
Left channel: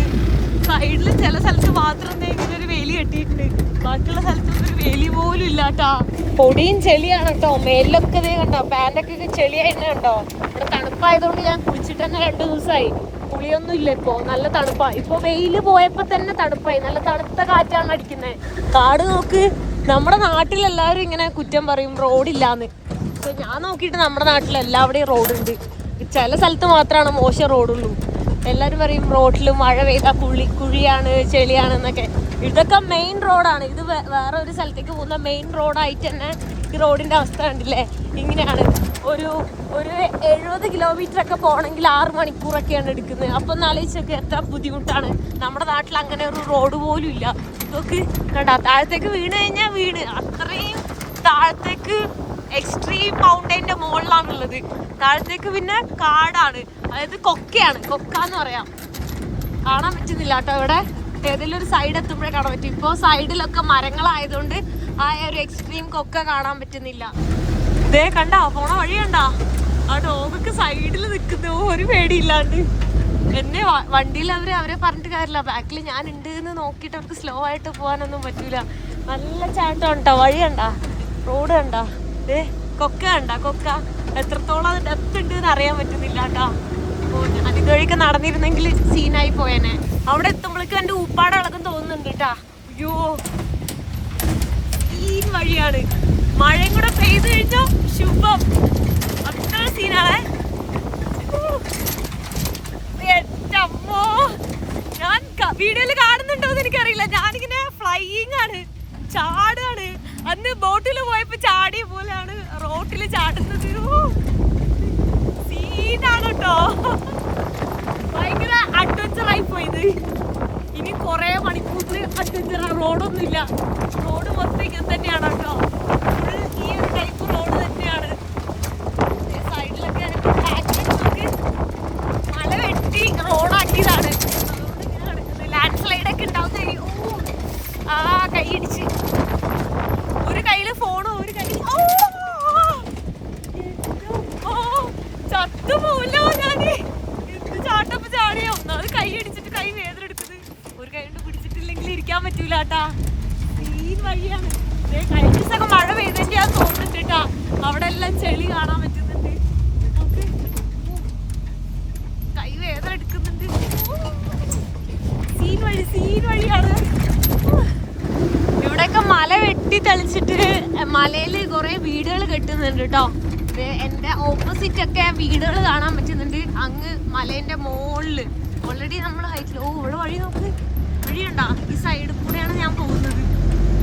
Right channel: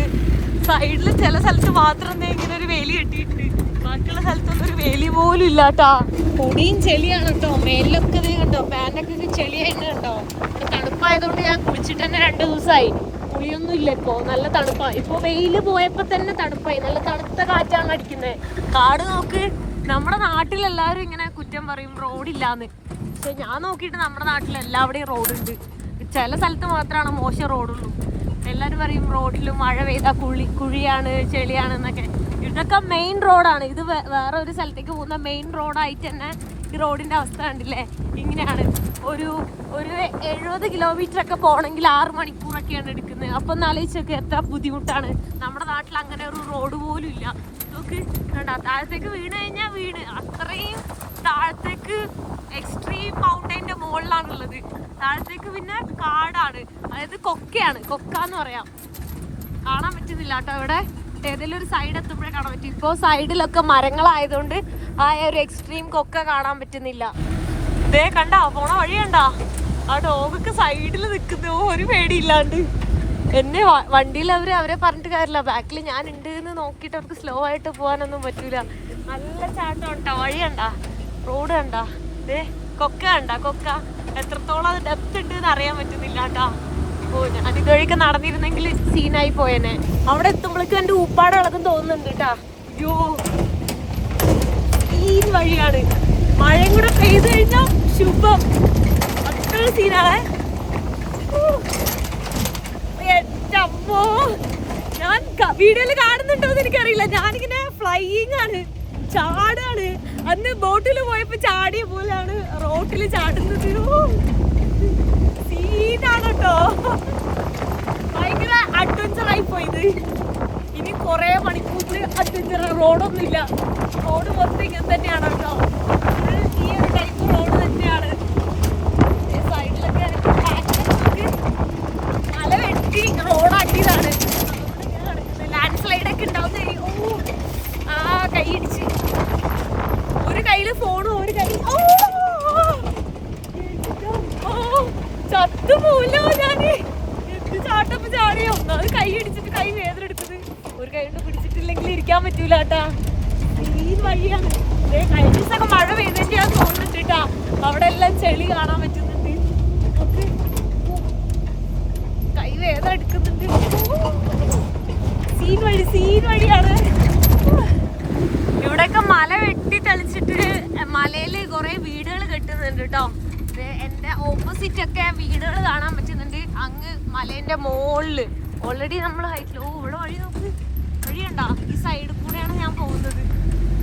സൈഡിൽ ചില സ്ഥലത്ത് മാത്രം ഇങ്ങനെ ഒരു വേലി കെട്ടിയിട്ടുണ്ട്, ബാക്കിയുള്ള സ്ഥലത്തൊന്നും ഒരു വേലി പോലും ഇല്ല കേട്ടോ. പൊടിയും ചെളിയാണ് കേട്ടോ. മേലിലൊക്കെ ഇതേ കണ്ടോ, പാൻറ്റൊക്കെ ചെളിയായിട്ട് കണ്ടോ. ഇവിടെ തണുപ്പായതുകൊണ്ട് ഞാൻ കുളിച്ചിട്ട് തന്നെ 2 ദിവസമായി. കുളിയൊന്നും ഇല്ല ഇപ്പൊ, നല്ല തണുപ്പായി. ഇപ്പൊ വെയില് പോയപ്പോ തന്നെ തണുപ്പായി, നല്ല തണുത്ത കാറ്റാണ് അടിക്കുന്നത്. കാട് നോക്ക്. നമ്മുടെ നാട്ടിലെല്ലാവരും ഇങ്ങനെ കുറ്റം പറയും റോഡില്ലാന്ന്. പക്ഷെ ഞാൻ നോക്കിയിട്ട് നമ്മുടെ നാട്ടിൽ എല്ലാവിടെയും റോഡുണ്ട്. ചില സ്ഥലത്ത് മാത്രമാണ് മോശം റോഡുള്ളൂ. എല്ലാരും പറയും റോഡിൽ മഴ പെയ്താ കുഴിയാണ് ചെളിയാണ് എന്നൊക്കെ. ഇതൊക്കെ മെയിൻ റോഡാണ്. ഇത് വേറെ ഒരു സ്ഥലത്തേക്ക് പോകുന്ന മെയിൻ റോഡായിട്ട് തന്നെ ഈ റോഡിന്റെ അവസ്ഥ കണ്ടില്ലേ, ഇങ്ങനെയാണ്. ഒരു 70 കിലോമീറ്റർ ഒക്കെ പോകണമെങ്കിൽ 6 മണിക്കൂറൊക്കെയാണ് എടുക്കുന്നത്. അപ്പൊ ഒന്ന് ആലോചിച്ചൊക്കെ എത്ര ബുദ്ധിമുട്ടാണ്. നമ്മുടെ നാട്ടിൽ അങ്ങനെ ഒരു റോഡ് പോലും ഇല്ല. ഇതൊക്കെ കണ്ട, താഴത്തേക്ക് വീണ് കഴിഞ്ഞാൽ അത്രയും താഴത്തേക്ക് എക്സ്ട്രീം മൗണ്ടൈൻ്റെ മുകളിലാണുള്ളത്. താഴത്തേക്ക് പിന്നെ കാടാണ്, അതായത് കൊക്കയാണ്. കൊക്കാന്ന് പറയാം. കാണാൻ പറ്റുന്നില്ല കേട്ടോ ഇവിടെ. ഏതെങ്കിലും ഒരു സൈഡ് എത്തുമ്പോഴേ കാണാൻ പറ്റും. ഇപ്പോൾ സൈഡിലൊക്കെ മരങ്ങളായതുകൊണ്ട് ആ ഒരു എക്സ്ട്രീം കൊക്ക കാണാൻ പറ്റുന്നില്ല. ഇതേ കണ്ടാ പോണ വഴി കണ്ടാ, ആ ഡോഗൊക്കെ സൈഡിൽ നിൽക്കുന്നു ഒരു പേടിയില്ലാണ്ട്. എന്നെ വണ്ടിയിൽ അവരെ പറഞ്ഞിട്ട് കാര്യമില്ല, ബാക്കിൽ ഞാൻ ഉണ്ട് എന്ന് നോക്കിയിട്ട് അവർക്ക് സ്ലോ ആയിട്ട് പോകാനൊന്നും പറ്റൂല. നല്ല ചാട്ടം ഉണ്ടോ, വഴി കണ്ടാ, റോഡ് കണ്ടാ, ഇതേ കൊക്ക കണ്ടാ. കൊക്ക എത്രത്തോളം ഡെപ്ത് ഉണ്ട് എന്ന് അറിയാൻ പറ്റുന്നില്ല കേട്ടാ. ഓ, ഞാൻ ഇതുവഴിയൊക്കെ നടന്നിരുന്നെങ്കിൽ സീനായി പോയേനെ. അവിടെ എത്തുമ്പോഴേക്കും എൻ്റെ ഊപ്പാട് ഇളകും തോന്നുന്നുണ്ട് കേട്ടാ. അയ്യോ, ഈ വഴിയാണ്. മഴയും കൂടെ പെയ്ത് കഴിഞ്ഞാൽ ശുഭം. അത്ര സീനാണേ. അമ്മോ, ഞാൻ വീഡിയോയിൽ കാണുന്നുണ്ടോന്ന് എനിക്കറിയില്ല. ഞാനിങ്ങനെ ഫ്ലൈയിങ് ആണ്, ചാടാണ്. അന്ന് ബോട്ടിൽ പോയപ്പോ ചാടിയ പോലെയാണ് റോട്ടിൽ ചാടുന്നത്. സീനാണ് കേട്ടോ, ഭയങ്കര അഡ്വഞ്ചർ ആയി പോയത്. ഇനി കൊറേ മണിക്കൂറിൽ അഡ്വഞ്ചർ. റോഡൊന്നുമില്ല, റോഡ് മൊത്തം ഇങ്ങനെ തന്നെയാണ് കേട്ടോ. ഫുൾ ഈ ഒരു ടൈപ്പ് റോഡ് തന്നെയാണ്. സൈഡിലൊക്കെ മല വെട്ടി റോഡാക്കിയതാണ്. അതുകൊണ്ട് ഇങ്ങനെ കിടക്കുന്നത്. ലാൻഡ് സ്ലൈഡ് ഒക്കെ ഉണ്ടാവുന്ന. ആ കൈയടിച്ച്, ഒരു കയ്യില് ഫോണും ഒരു കയ്യിൽ ചത്തുപോലോ. ഞാന് എന്ത് ചാട്ടപ്പ് ചാടിയോ. ഒന്നാമത് കൈ അടിച്ചിട്ട് കൈ വേദന എടുക്കുന്നത്. ഒരു കൈ കൊണ്ട് പിടിച്ചിട്ടില്ലെങ്കിൽ ഇരിക്കാൻ പറ്റൂല കേട്ടാ. ഈ വഴിയാണ്. കഴിഞ്ഞ ദിവസമൊക്കെ മഴ പെയ്തതിന്റെയാന്ന് തോന്നുന്നുണ്ട് കേട്ടാ. അവിടെ എല്ലാം ചെളി കാണാൻ പറ്റുന്നുണ്ട്. നമുക്ക് കൈ വേദന എടുക്കുന്നുണ്ട്. സീൻ വഴിയാണ്. ഇവിടെയൊക്കെ മല വെട്ടി തെളിച്ചിട്ട് മലയില് കുറെ വീടുകൾ കെട്ടുന്നുണ്ട് കേട്ടോ. എന്റെ ഓപ്പോസിറ്റ് ഒക്കെ വീടുകൾ കാണാൻ പറ്റുന്നുണ്ട്. അങ്ങ് മലേന്റെ മുകളില് ഓൾറെഡി നമ്മൾ ഹൈറ്റിൽ. ഓ, ഇവിടെ വഴി നോക്ക്, വഴിയുണ്ടാ. ഈ സൈഡിൽ കൂടെയാണ് ഞാൻ പോകുന്നത്.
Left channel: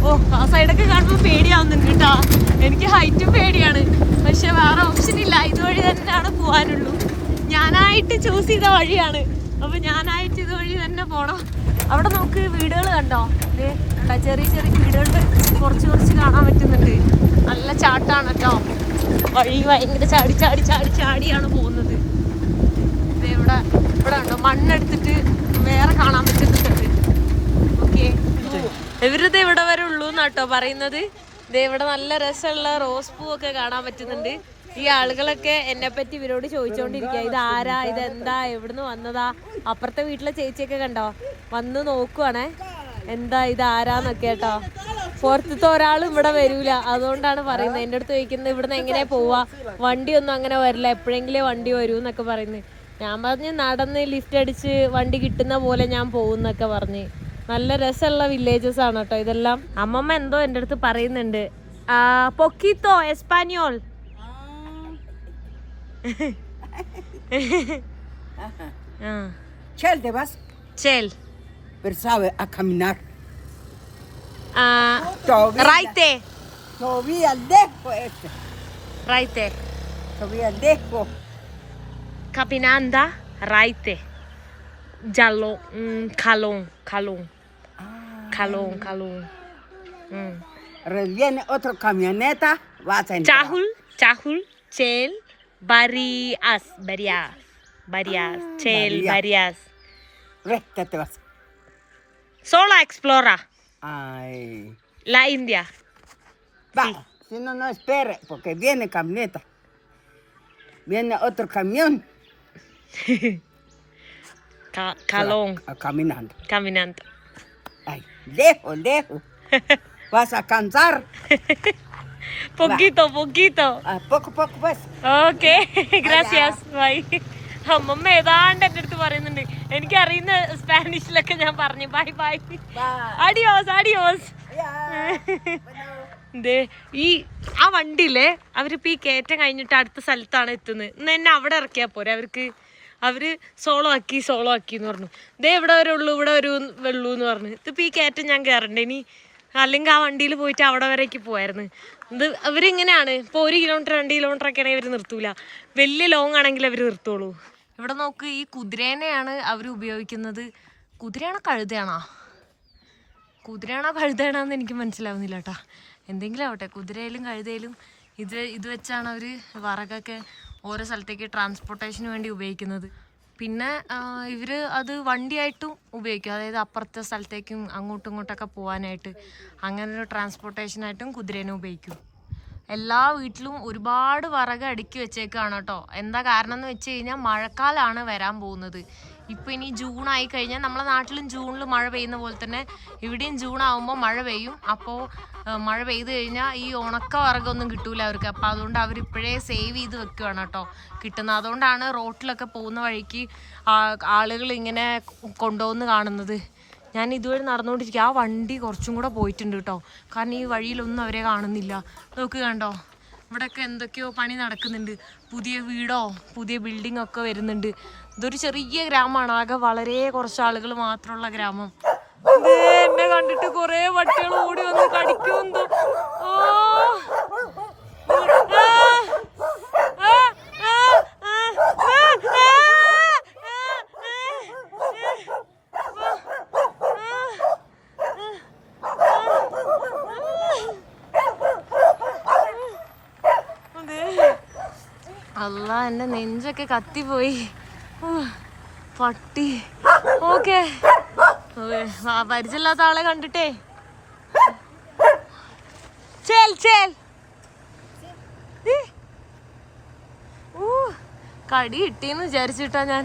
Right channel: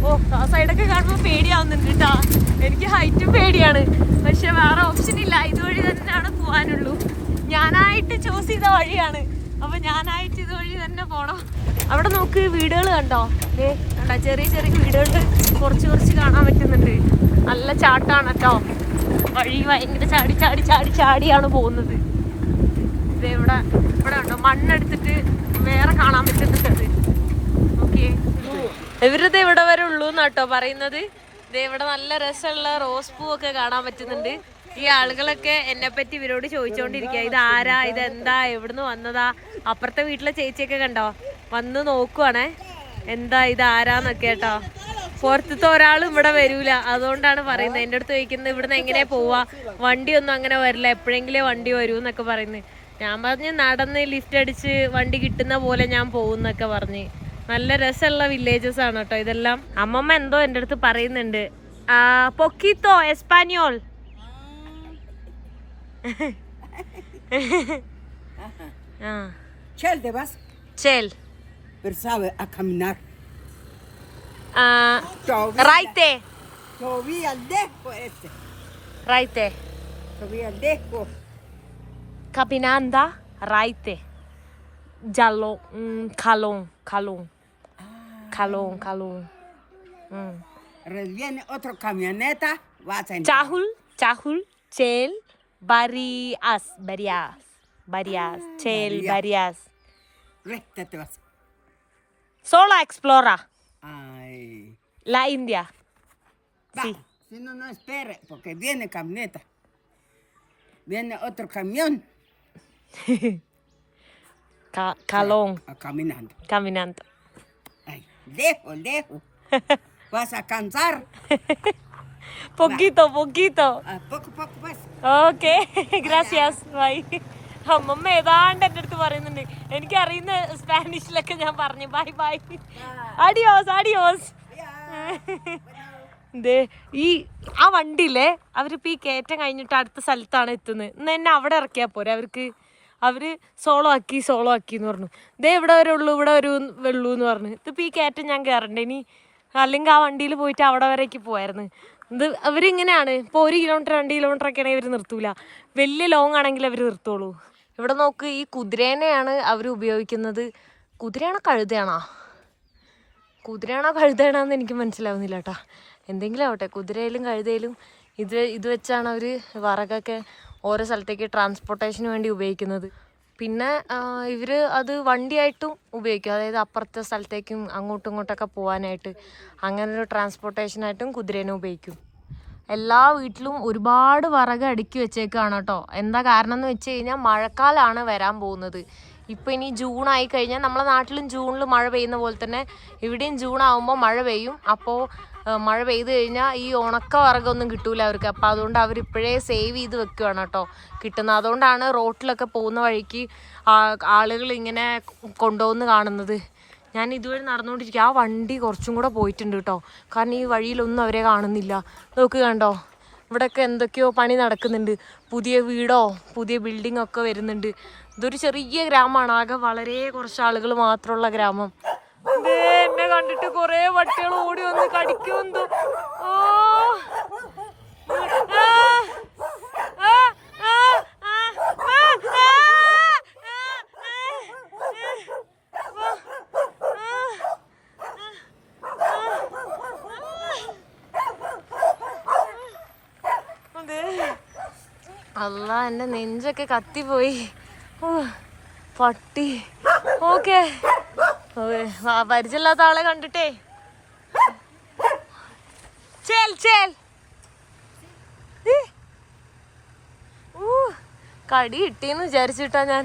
ഓ, ആ സൈഡൊക്കെ കാണുമ്പോൾ പേടിയാവുന്നുണ്ട് കേട്ടാ. എനിക്ക് ഹൈറ്റും പേടിയാണ്, പക്ഷെ വേറെ ഓപ്ഷൻ ഇല്ല. ഇതുവഴി തന്നെയാണ് പോകാനുള്ളൂ. ഞാനായിട്ട് ചൂസ് ചെയ്ത വഴിയാണ്. അപ്പൊ ഞാനായിട്ട് ഇതുവഴി തന്നെ പോണം. അവിടെ നോക്ക്, വീടുകൾ കണ്ടോ. കണ്ടോ, ചെറിയ ചെറിയ വീടുകൾ കുറച്ച് കാണാൻ പറ്റുന്നുണ്ട്. നല്ല ചാട്ടാണ് കേട്ടോ. വഴി ഭയങ്കര ചാടിയാണ് പോകുന്നത്. ഇവിടെ കണ്ടോ, മണ്ണെടുത്തിട്ട് വേറെ കാണാൻ പറ്റുന്നുണ്ട്. ഓക്കെ, ഇവരത് ഇവിടെ വരെ ഉള്ളൂ എന്നാട്ടോ പറയുന്നത്. ഇവിടെ നല്ല രസമുള്ള റോസ് പൂവൊക്കെ കാണാൻ പറ്റുന്നുണ്ട്. ഈ ആളുകളൊക്കെ എന്നെ പറ്റി ഇവരോട് ചോദിച്ചോണ്ടിരിക്കുക, ഇത് ആരാ, ഇതെന്താ, എവിടുന്ന് വന്നതാ. അപ്പുറത്തെ വീട്ടിലെ ചേച്ചിയൊക്കെ കണ്ടോ വന്ന് നോക്കുവാണേ, എന്താ ഇത് ആരാന്നൊക്കെ കേട്ടോ. പുറത്തത്തെ ഒരാളും ഇവിടെ വരൂല, അതുകൊണ്ടാണ് പറയുന്നത്. എൻ്റെ അടുത്ത് ചോദിക്കുന്നത് ഇവിടുന്ന് എങ്ങനെ പോവാ, വണ്ടിയൊന്നും അങ്ങനെ വരില്ല, എപ്പോഴെങ്കിലേ വണ്ടി വരൂ എന്നൊക്കെ പറയുന്നത്. ഞാൻ പറഞ്ഞ് നടന്ന് ലിഫ്റ്റ് അടിച്ച് വണ്ടി കിട്ടുന്ന പോലെ ഞാൻ പോകുന്നൊക്കെ പറഞ്ഞ്. നല്ല രസമുള്ള വില്ലേജസ് ആണ് കേട്ടോ ഇതെല്ലാം. അമ്മമ്മ എന്തോ എൻ്റെ അടുത്ത് പറയുന്നുണ്ട്. പൊക്കിത്തോ Español. Chel te vas. Chel. Pero sabe a caminar. Raite. Todavía lejos este. Raite. Todavía lejos. Caminanda. Raite. Jalon. Calon. Calon. Viene otra camioneta. Vas a entrar. Chahul. Chel. Varias. Chel. Varias. Recta te vas. Sola explora. Ay. La India. Va. Sí. Si no, no espere, porque viene camioneta. Viene otro camión. Calon. Caminando. Ay, lejos. Vas a cansar. Poquito. Poco, pues. Okay. Gracias. Bye. അമ്മമ്മ ഏതാണ്ട് എൻ്റെ അടുത്ത് പറയുന്നുണ്ട്. എനിക്ക് അറിയുന്ന സ്പാനിഷിലൊക്കെ ഞാൻ പറഞ്ഞു ബൈ. അഡിയോസ്. ഈ ആ വണ്ടിയിലെ അവരിപ്പോ ഈ കയറ്റം കഴിഞ്ഞിട്ട് അടുത്ത സ്ഥലത്താണ് എത്തുന്നത്. ഇന്ന് എന്നെ അവിടെ ഇറക്കിയാ പോരെ അവർക്ക്. അവര് സോളോ ആക്കി എന്ന് പറഞ്ഞു. ദേ ഇവിടെ വരെ ഉള്ളൂ എന്ന് പറഞ്ഞു. ഇതിപ്പോൾ ഈ കയറ്റം ഞാൻ കയറണ്ടേ ഇനി, അല്ലെങ്കിൽ ആ വണ്ടിയിൽ പോയിട്ട് അവിടെ വരേക്ക് പോയായിരുന്നു. ഇത് അവരിങ്ങനെയാണ്. ഇപ്പോൾ 1 കിലോമീറ്റർ 2 കിലോമീറ്റർ ഒക്കെ ആണെങ്കിൽ അവർ നിർത്തൂല. വലിയ ലോങ് ആണെങ്കിൽ അവർ നിർത്തുള്ളൂ. ഇവിടെ നോക്ക്, ഈ കുതിരേനെയാണ് അവർ ഉപയോഗിക്കുന്നത്. കുതിരയാണോ കഴുതയാണോ കഴുതയാണോന്ന് എനിക്ക് മനസ്സിലാവുന്നില്ല കേട്ടോ. എന്തെങ്കിലും ആവട്ടെ, കുതിരയിലും കഴുതയിലും ഇത് വെച്ചാണ് അവർ വിറകൊക്കെ ഓരോ സ്ഥലത്തേക്ക് ട്രാൻസ്പോർട്ടേഷന് വേണ്ടി ഉപയോഗിക്കുന്നത്. പിന്നെ ഇവർ അത് വണ്ടിയായിട്ടും ഉപയോഗിക്കും. അതായത് അപ്പുറത്തെ സ്ഥലത്തേക്കും അങ്ങോട്ടും ഇങ്ങോട്ടൊക്കെ പോകാനായിട്ട് അങ്ങനെ ഒരു ട്രാൻസ്പോർട്ടേഷനായിട്ടും കുതിരേനെ ഉപയോഗിക്കും. എല്ലാ വീട്ടിലും ഒരുപാട് വിറക് അടുക്കി വെച്ചേക്കാണ് കേട്ടോ. എന്താ കാരണം എന്ന് വെച്ച് കഴിഞ്ഞാൽ മഴക്കാലമാണ് വരാൻ പോകുന്നത്. ഇപ്പോൾ ഇനി ജൂൺ ആയി കഴിഞ്ഞാൽ നമ്മളെ നാട്ടിലും ജൂണിൽ മഴ പെയ്യുന്ന പോലെ തന്നെ ഇവിടെയും ജൂൺ ആകുമ്പോൾ മഴ പെയ്യും. അപ്പോൾ മഴ പെയ്ത് കഴിഞ്ഞാൽ ഈ ഉണക്ക വിറകൊന്നും കിട്ടൂല അവർക്ക്. അപ്പോൾ അതുകൊണ്ട് അവരിപ്പോഴേ സേവ് ചെയ്ത് വെക്കുകയാണ് കേട്ടോ കിട്ടുന്നത്. അതുകൊണ്ടാണ് റോട്ടിലൊക്കെ പോകുന്ന വഴിക്ക് ആളുകൾ ഇങ്ങനെ കൊണ്ടുപോകുന്ന കാണുന്നത്. ഞാൻ ഇതുവരെ നടന്നുകൊണ്ടിരിക്കുക. ആ വണ്ടി കുറച്ചും കൂടെ പോയിട്ടുണ്ട് കേട്ടോ. കാരണം ഈ വഴിയിലൊന്നും അവരെ കാണുന്നില്ല. നോക്ക് കണ്ടോ, ഇവിടെയൊക്കെ എന്തൊക്കെയോ പണി നടക്കുന്നുണ്ട്. പുതിയ വീടോ പുതിയ ബിൽഡിംഗ് ഒക്കെ വരുന്നുണ്ട്. ഇതൊരു ചെറിയ ഗ്രാമമാണ്, ആകെ വളരെ കുറച്ച് ആളുകൾ മാത്രമുള്ള ഗ്രാമം. എന്നെ കണ്ടിട്ട് കുറേ പട്ടികൾ ഓടി വന്ന് കടിക്കുമെന്തോ. ഓ അല്ല, എൻ്റെ നെഞ്ചൊക്കെ കത്തിപ്പോയി. പട്ടി. ഓക്കെ, പരിചയമില്ലാത്ത ആളെ കണ്ടിട്ടേ കടി കിട്ടിയെന്ന് വിചാരിച്ചിട്ടാ ഞാൻ.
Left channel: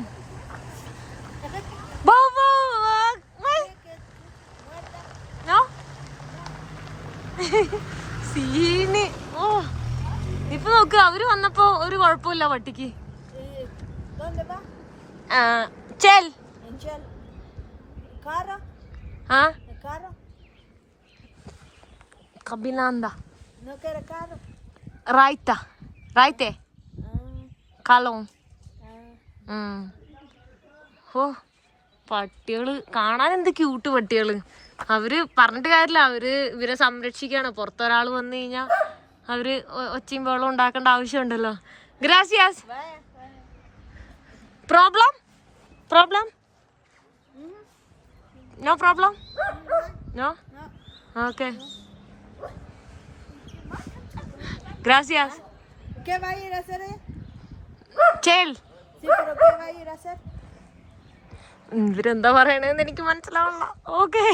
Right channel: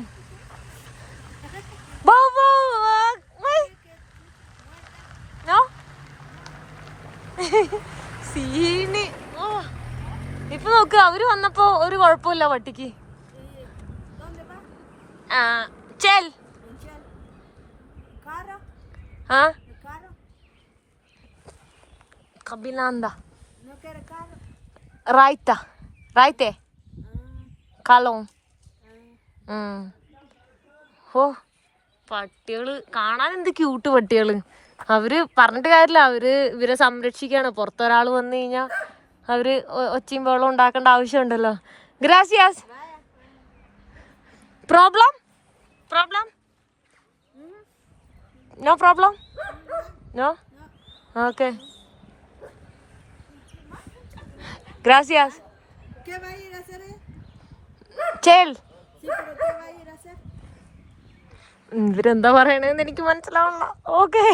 സീന്. ഇപ്പൊ നോക്ക്, അവര് വന്നപ്പോ ഒരു കുഴപ്പമില്ല പട്ടിക്ക്. ചെൽ കബിനാന്ത റായ്ത്തേ കലോ. ഓ, പട്ടികള് കാണാൻ എന്ത് ക്യൂട്ട് പട്ടികള്. അവര് പറഞ്ഞിട്ട് കാര്യമില്ല, അവര് ഇവരെ സംരക്ഷിക്കാണ്. പുറത്തൊരാൾ വന്നു കഴിഞ്ഞാൽ അവര് ഒച്ചയും ബഹളം ഉണ്ടാക്കേണ്ട ആവശ്യമുണ്ടല്ലോ. ഗ്രാസിയാസ്. Problem no problem no okay gracias ¿qué va a ir a hacer? chill. Sí, pero ¿qué va a ir a hacer? ഇവരെന്താ പറയണെന്ന് എനിക്ക് മനസ്സിലാവണ്ട. ഓക്കെ,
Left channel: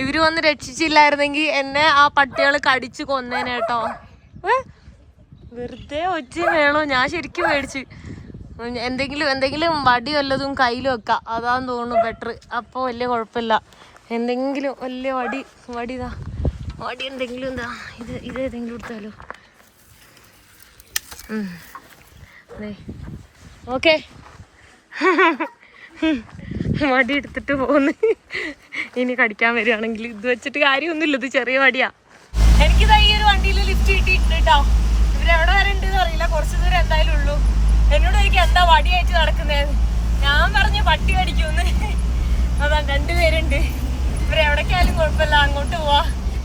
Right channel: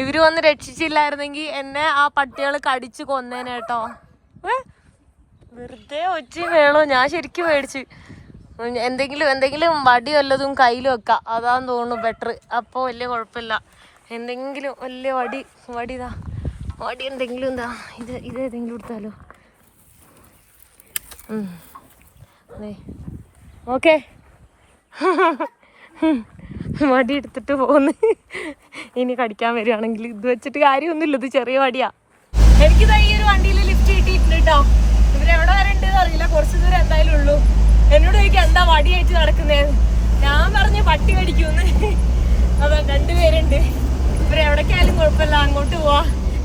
ഇവര് വന്ന് രക്ഷിച്ചില്ലായിരുന്നെങ്കിൽ എന്നെ ആ പട്ടികൾ കടിച്ച് കൊന്നേനെ കേട്ടോ. വെറുതെ ഒച്ചയും വേണോ, ഞാൻ ശരിക്കും മേടിച്ച്. എന്തെങ്കിലും വടി വല്ലതും കയ്യിൽ വെക്കാം, അതാന്ന് തോന്നുന്നു ബെറ്റർ. അപ്പോൾ വലിയ കുഴപ്പമില്ല. എന്തെങ്കിലും വലിയ വടി എന്തെങ്കിലും എന്താ ഇത് ഏതെങ്കിലും എടുത്താലോ. ഓക്കെ, വടി എടുത്തിട്ട് പോന്ന്. ഇനി കടിക്കാൻ വരികയാണെങ്കിൽ ഇത് വെച്ചിട്ട് കാര്യമൊന്നുമില്ല, ഇത് ചെറിയ വടിയാ. എനിക്ക് ഈ ഒരു വണ്ടിയിൽ ലിഫ്റ്റ് കിട്ടിയിട്ടുണ്ട് കേട്ടോ. ഇവരെവിടെ വരെ ഉണ്ടെന്ന് അറിയില്ല, കുറച്ച് ദൂരം എന്തായാലും ഉള്ളൂ. എന്നോട് ചോദിക്കാം എന്താ വടി അയച്ച് നടക്കുന്നത്. ഞാൻ പറഞ്ഞു പട്ടി കടിക്കൂന്ന്. അതാ 2 പേരുണ്ട്. ഇവരെവിടേക്കായാലും കുഴപ്പമില്ല, അങ്ങോട്ട് പോവാ.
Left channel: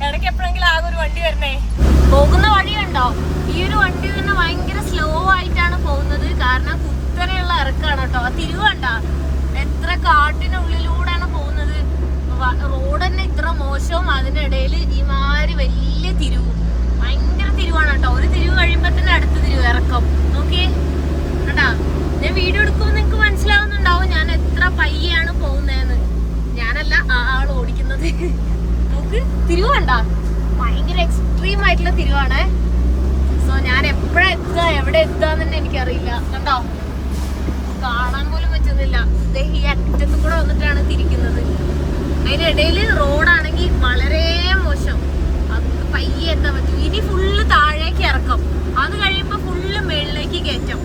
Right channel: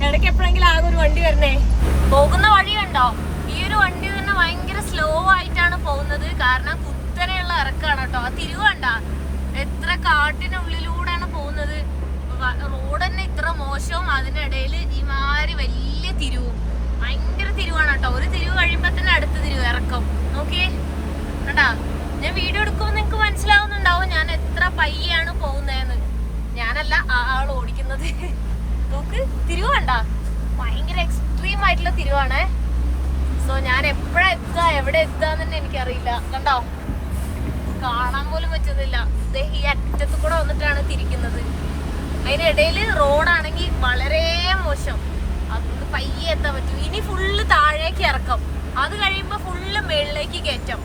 ഇടയ്ക്ക് എപ്പോഴെങ്കിലും ആകെ ഒരു വണ്ടി വരണേ. പോകുന്ന വഴി കണ്ടോ, ഈ ഒരു വണ്ടി തന്നെ ഭയങ്കര സ്ലോ ആയിട്ടാണ് പോകുന്നത്. കാരണം കുത്തനെയുള്ള ഇറക്കാണ് കേട്ടോ. ആ തിരിവ് കണ്ടാ, എത്ര കാട്ടിനുള്ളിലൂടെയാണ് പോകുന്നത്. റോഡ് തന്നെ ഇത്ര മോശവും, അതിനിടയിൽ ഈ മാതിരി വലിയ തിരിവും. ഭയങ്കര തിരിവാണ് കേട്ടോ. ഒരു തിരിവ് കഴിയുമ്പോ തന്നെ അടുത്ത തിരിവ് ഇറക്കം. നോക്കിയേ കണ്ടാ, ഞാൻ വീഡിയോ എടുക്കുമ്പോൾ നിങ്ങൾക്ക് മനസ്സിലാവുന്നുണ്ടാവും ഞാൻ എത്ര പയ്യാണ് പോകുന്നതെന്ന്. ഞാനല്ല, ആൾ ഓടിക്കുന്നത്. നോക്ക്, തിരിവ് കണ്ടാ, ഭയങ്കര എക്സ്ട്രീം ആയിട്ടുള്ള തിരിവാണ്. സോ ഞാൻ എപ്പോഴാ എത്തുക എവിടെ എത്തുകയെന്ന് തന്നെ എനിക്കറിയില്ല. കണ്ടോ, കാണാൻ പോലും പറ്റുന്നില്ല. ഈ അറ്റത്ത് കൂടെ വന്നിട്ടാണ് തിരിക്കുന്നത്. അതിനിടയിൽ റോഡാണെങ്കിൽ വളരെ മോശം, അത് പയ്യെ എത്താൻ പറ്റും. ഇനി ഫുള്ള് താഴേക്ക് ഇറക്കും, അത് കഴിയുമ്പോ ഫുള്ള് മേളിലേക്ക് കയറ്റം.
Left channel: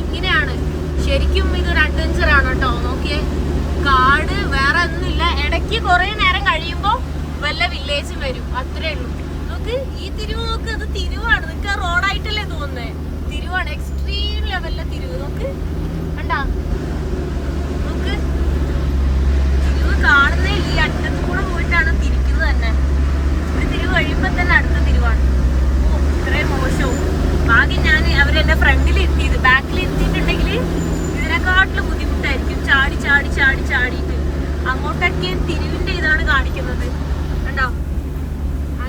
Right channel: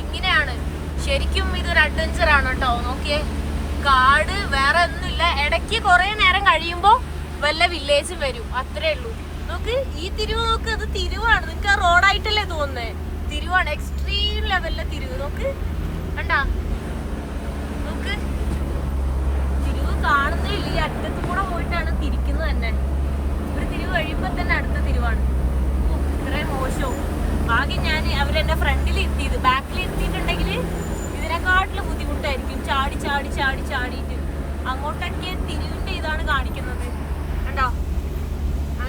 ഇങ്ങനെയാണ് ശരിക്കും. ഇതൊരു അഡ്വഞ്ചർ ആണ് കേട്ടോ. നോക്കിയേ, കാട് വേറെ ഒന്നുമില്ല. ഇടയ്ക്ക് കുറെ നേരം കഴിയുമ്പോ വല്ല വില്ലേജും വരും, അത്രേ ഉള്ളൂ. നോക്ക്, ഈ തിരിവ് നോക്ക്, അത് തിരിവാണ്. നിനക്ക് റോഡായിട്ടല്ലേ തോന്നുന്നേ, തിരിവാണ്. എക്സ്ട്രീം ലെവലിലെ തിരിവ്. നോക്ക് കണ്ടാ, ഇതിനെക്കാട്ടില് ബുദ്ധിമുട്ടായിരിക്കും ചാടി ചാടി ചാടി ചാടിയിട്ട്. അങ്ങോട്ടൊക്കെ തിരിവിന്റെ ഇതാണ് കാണിക്കുന്നത് കണ്ടോ.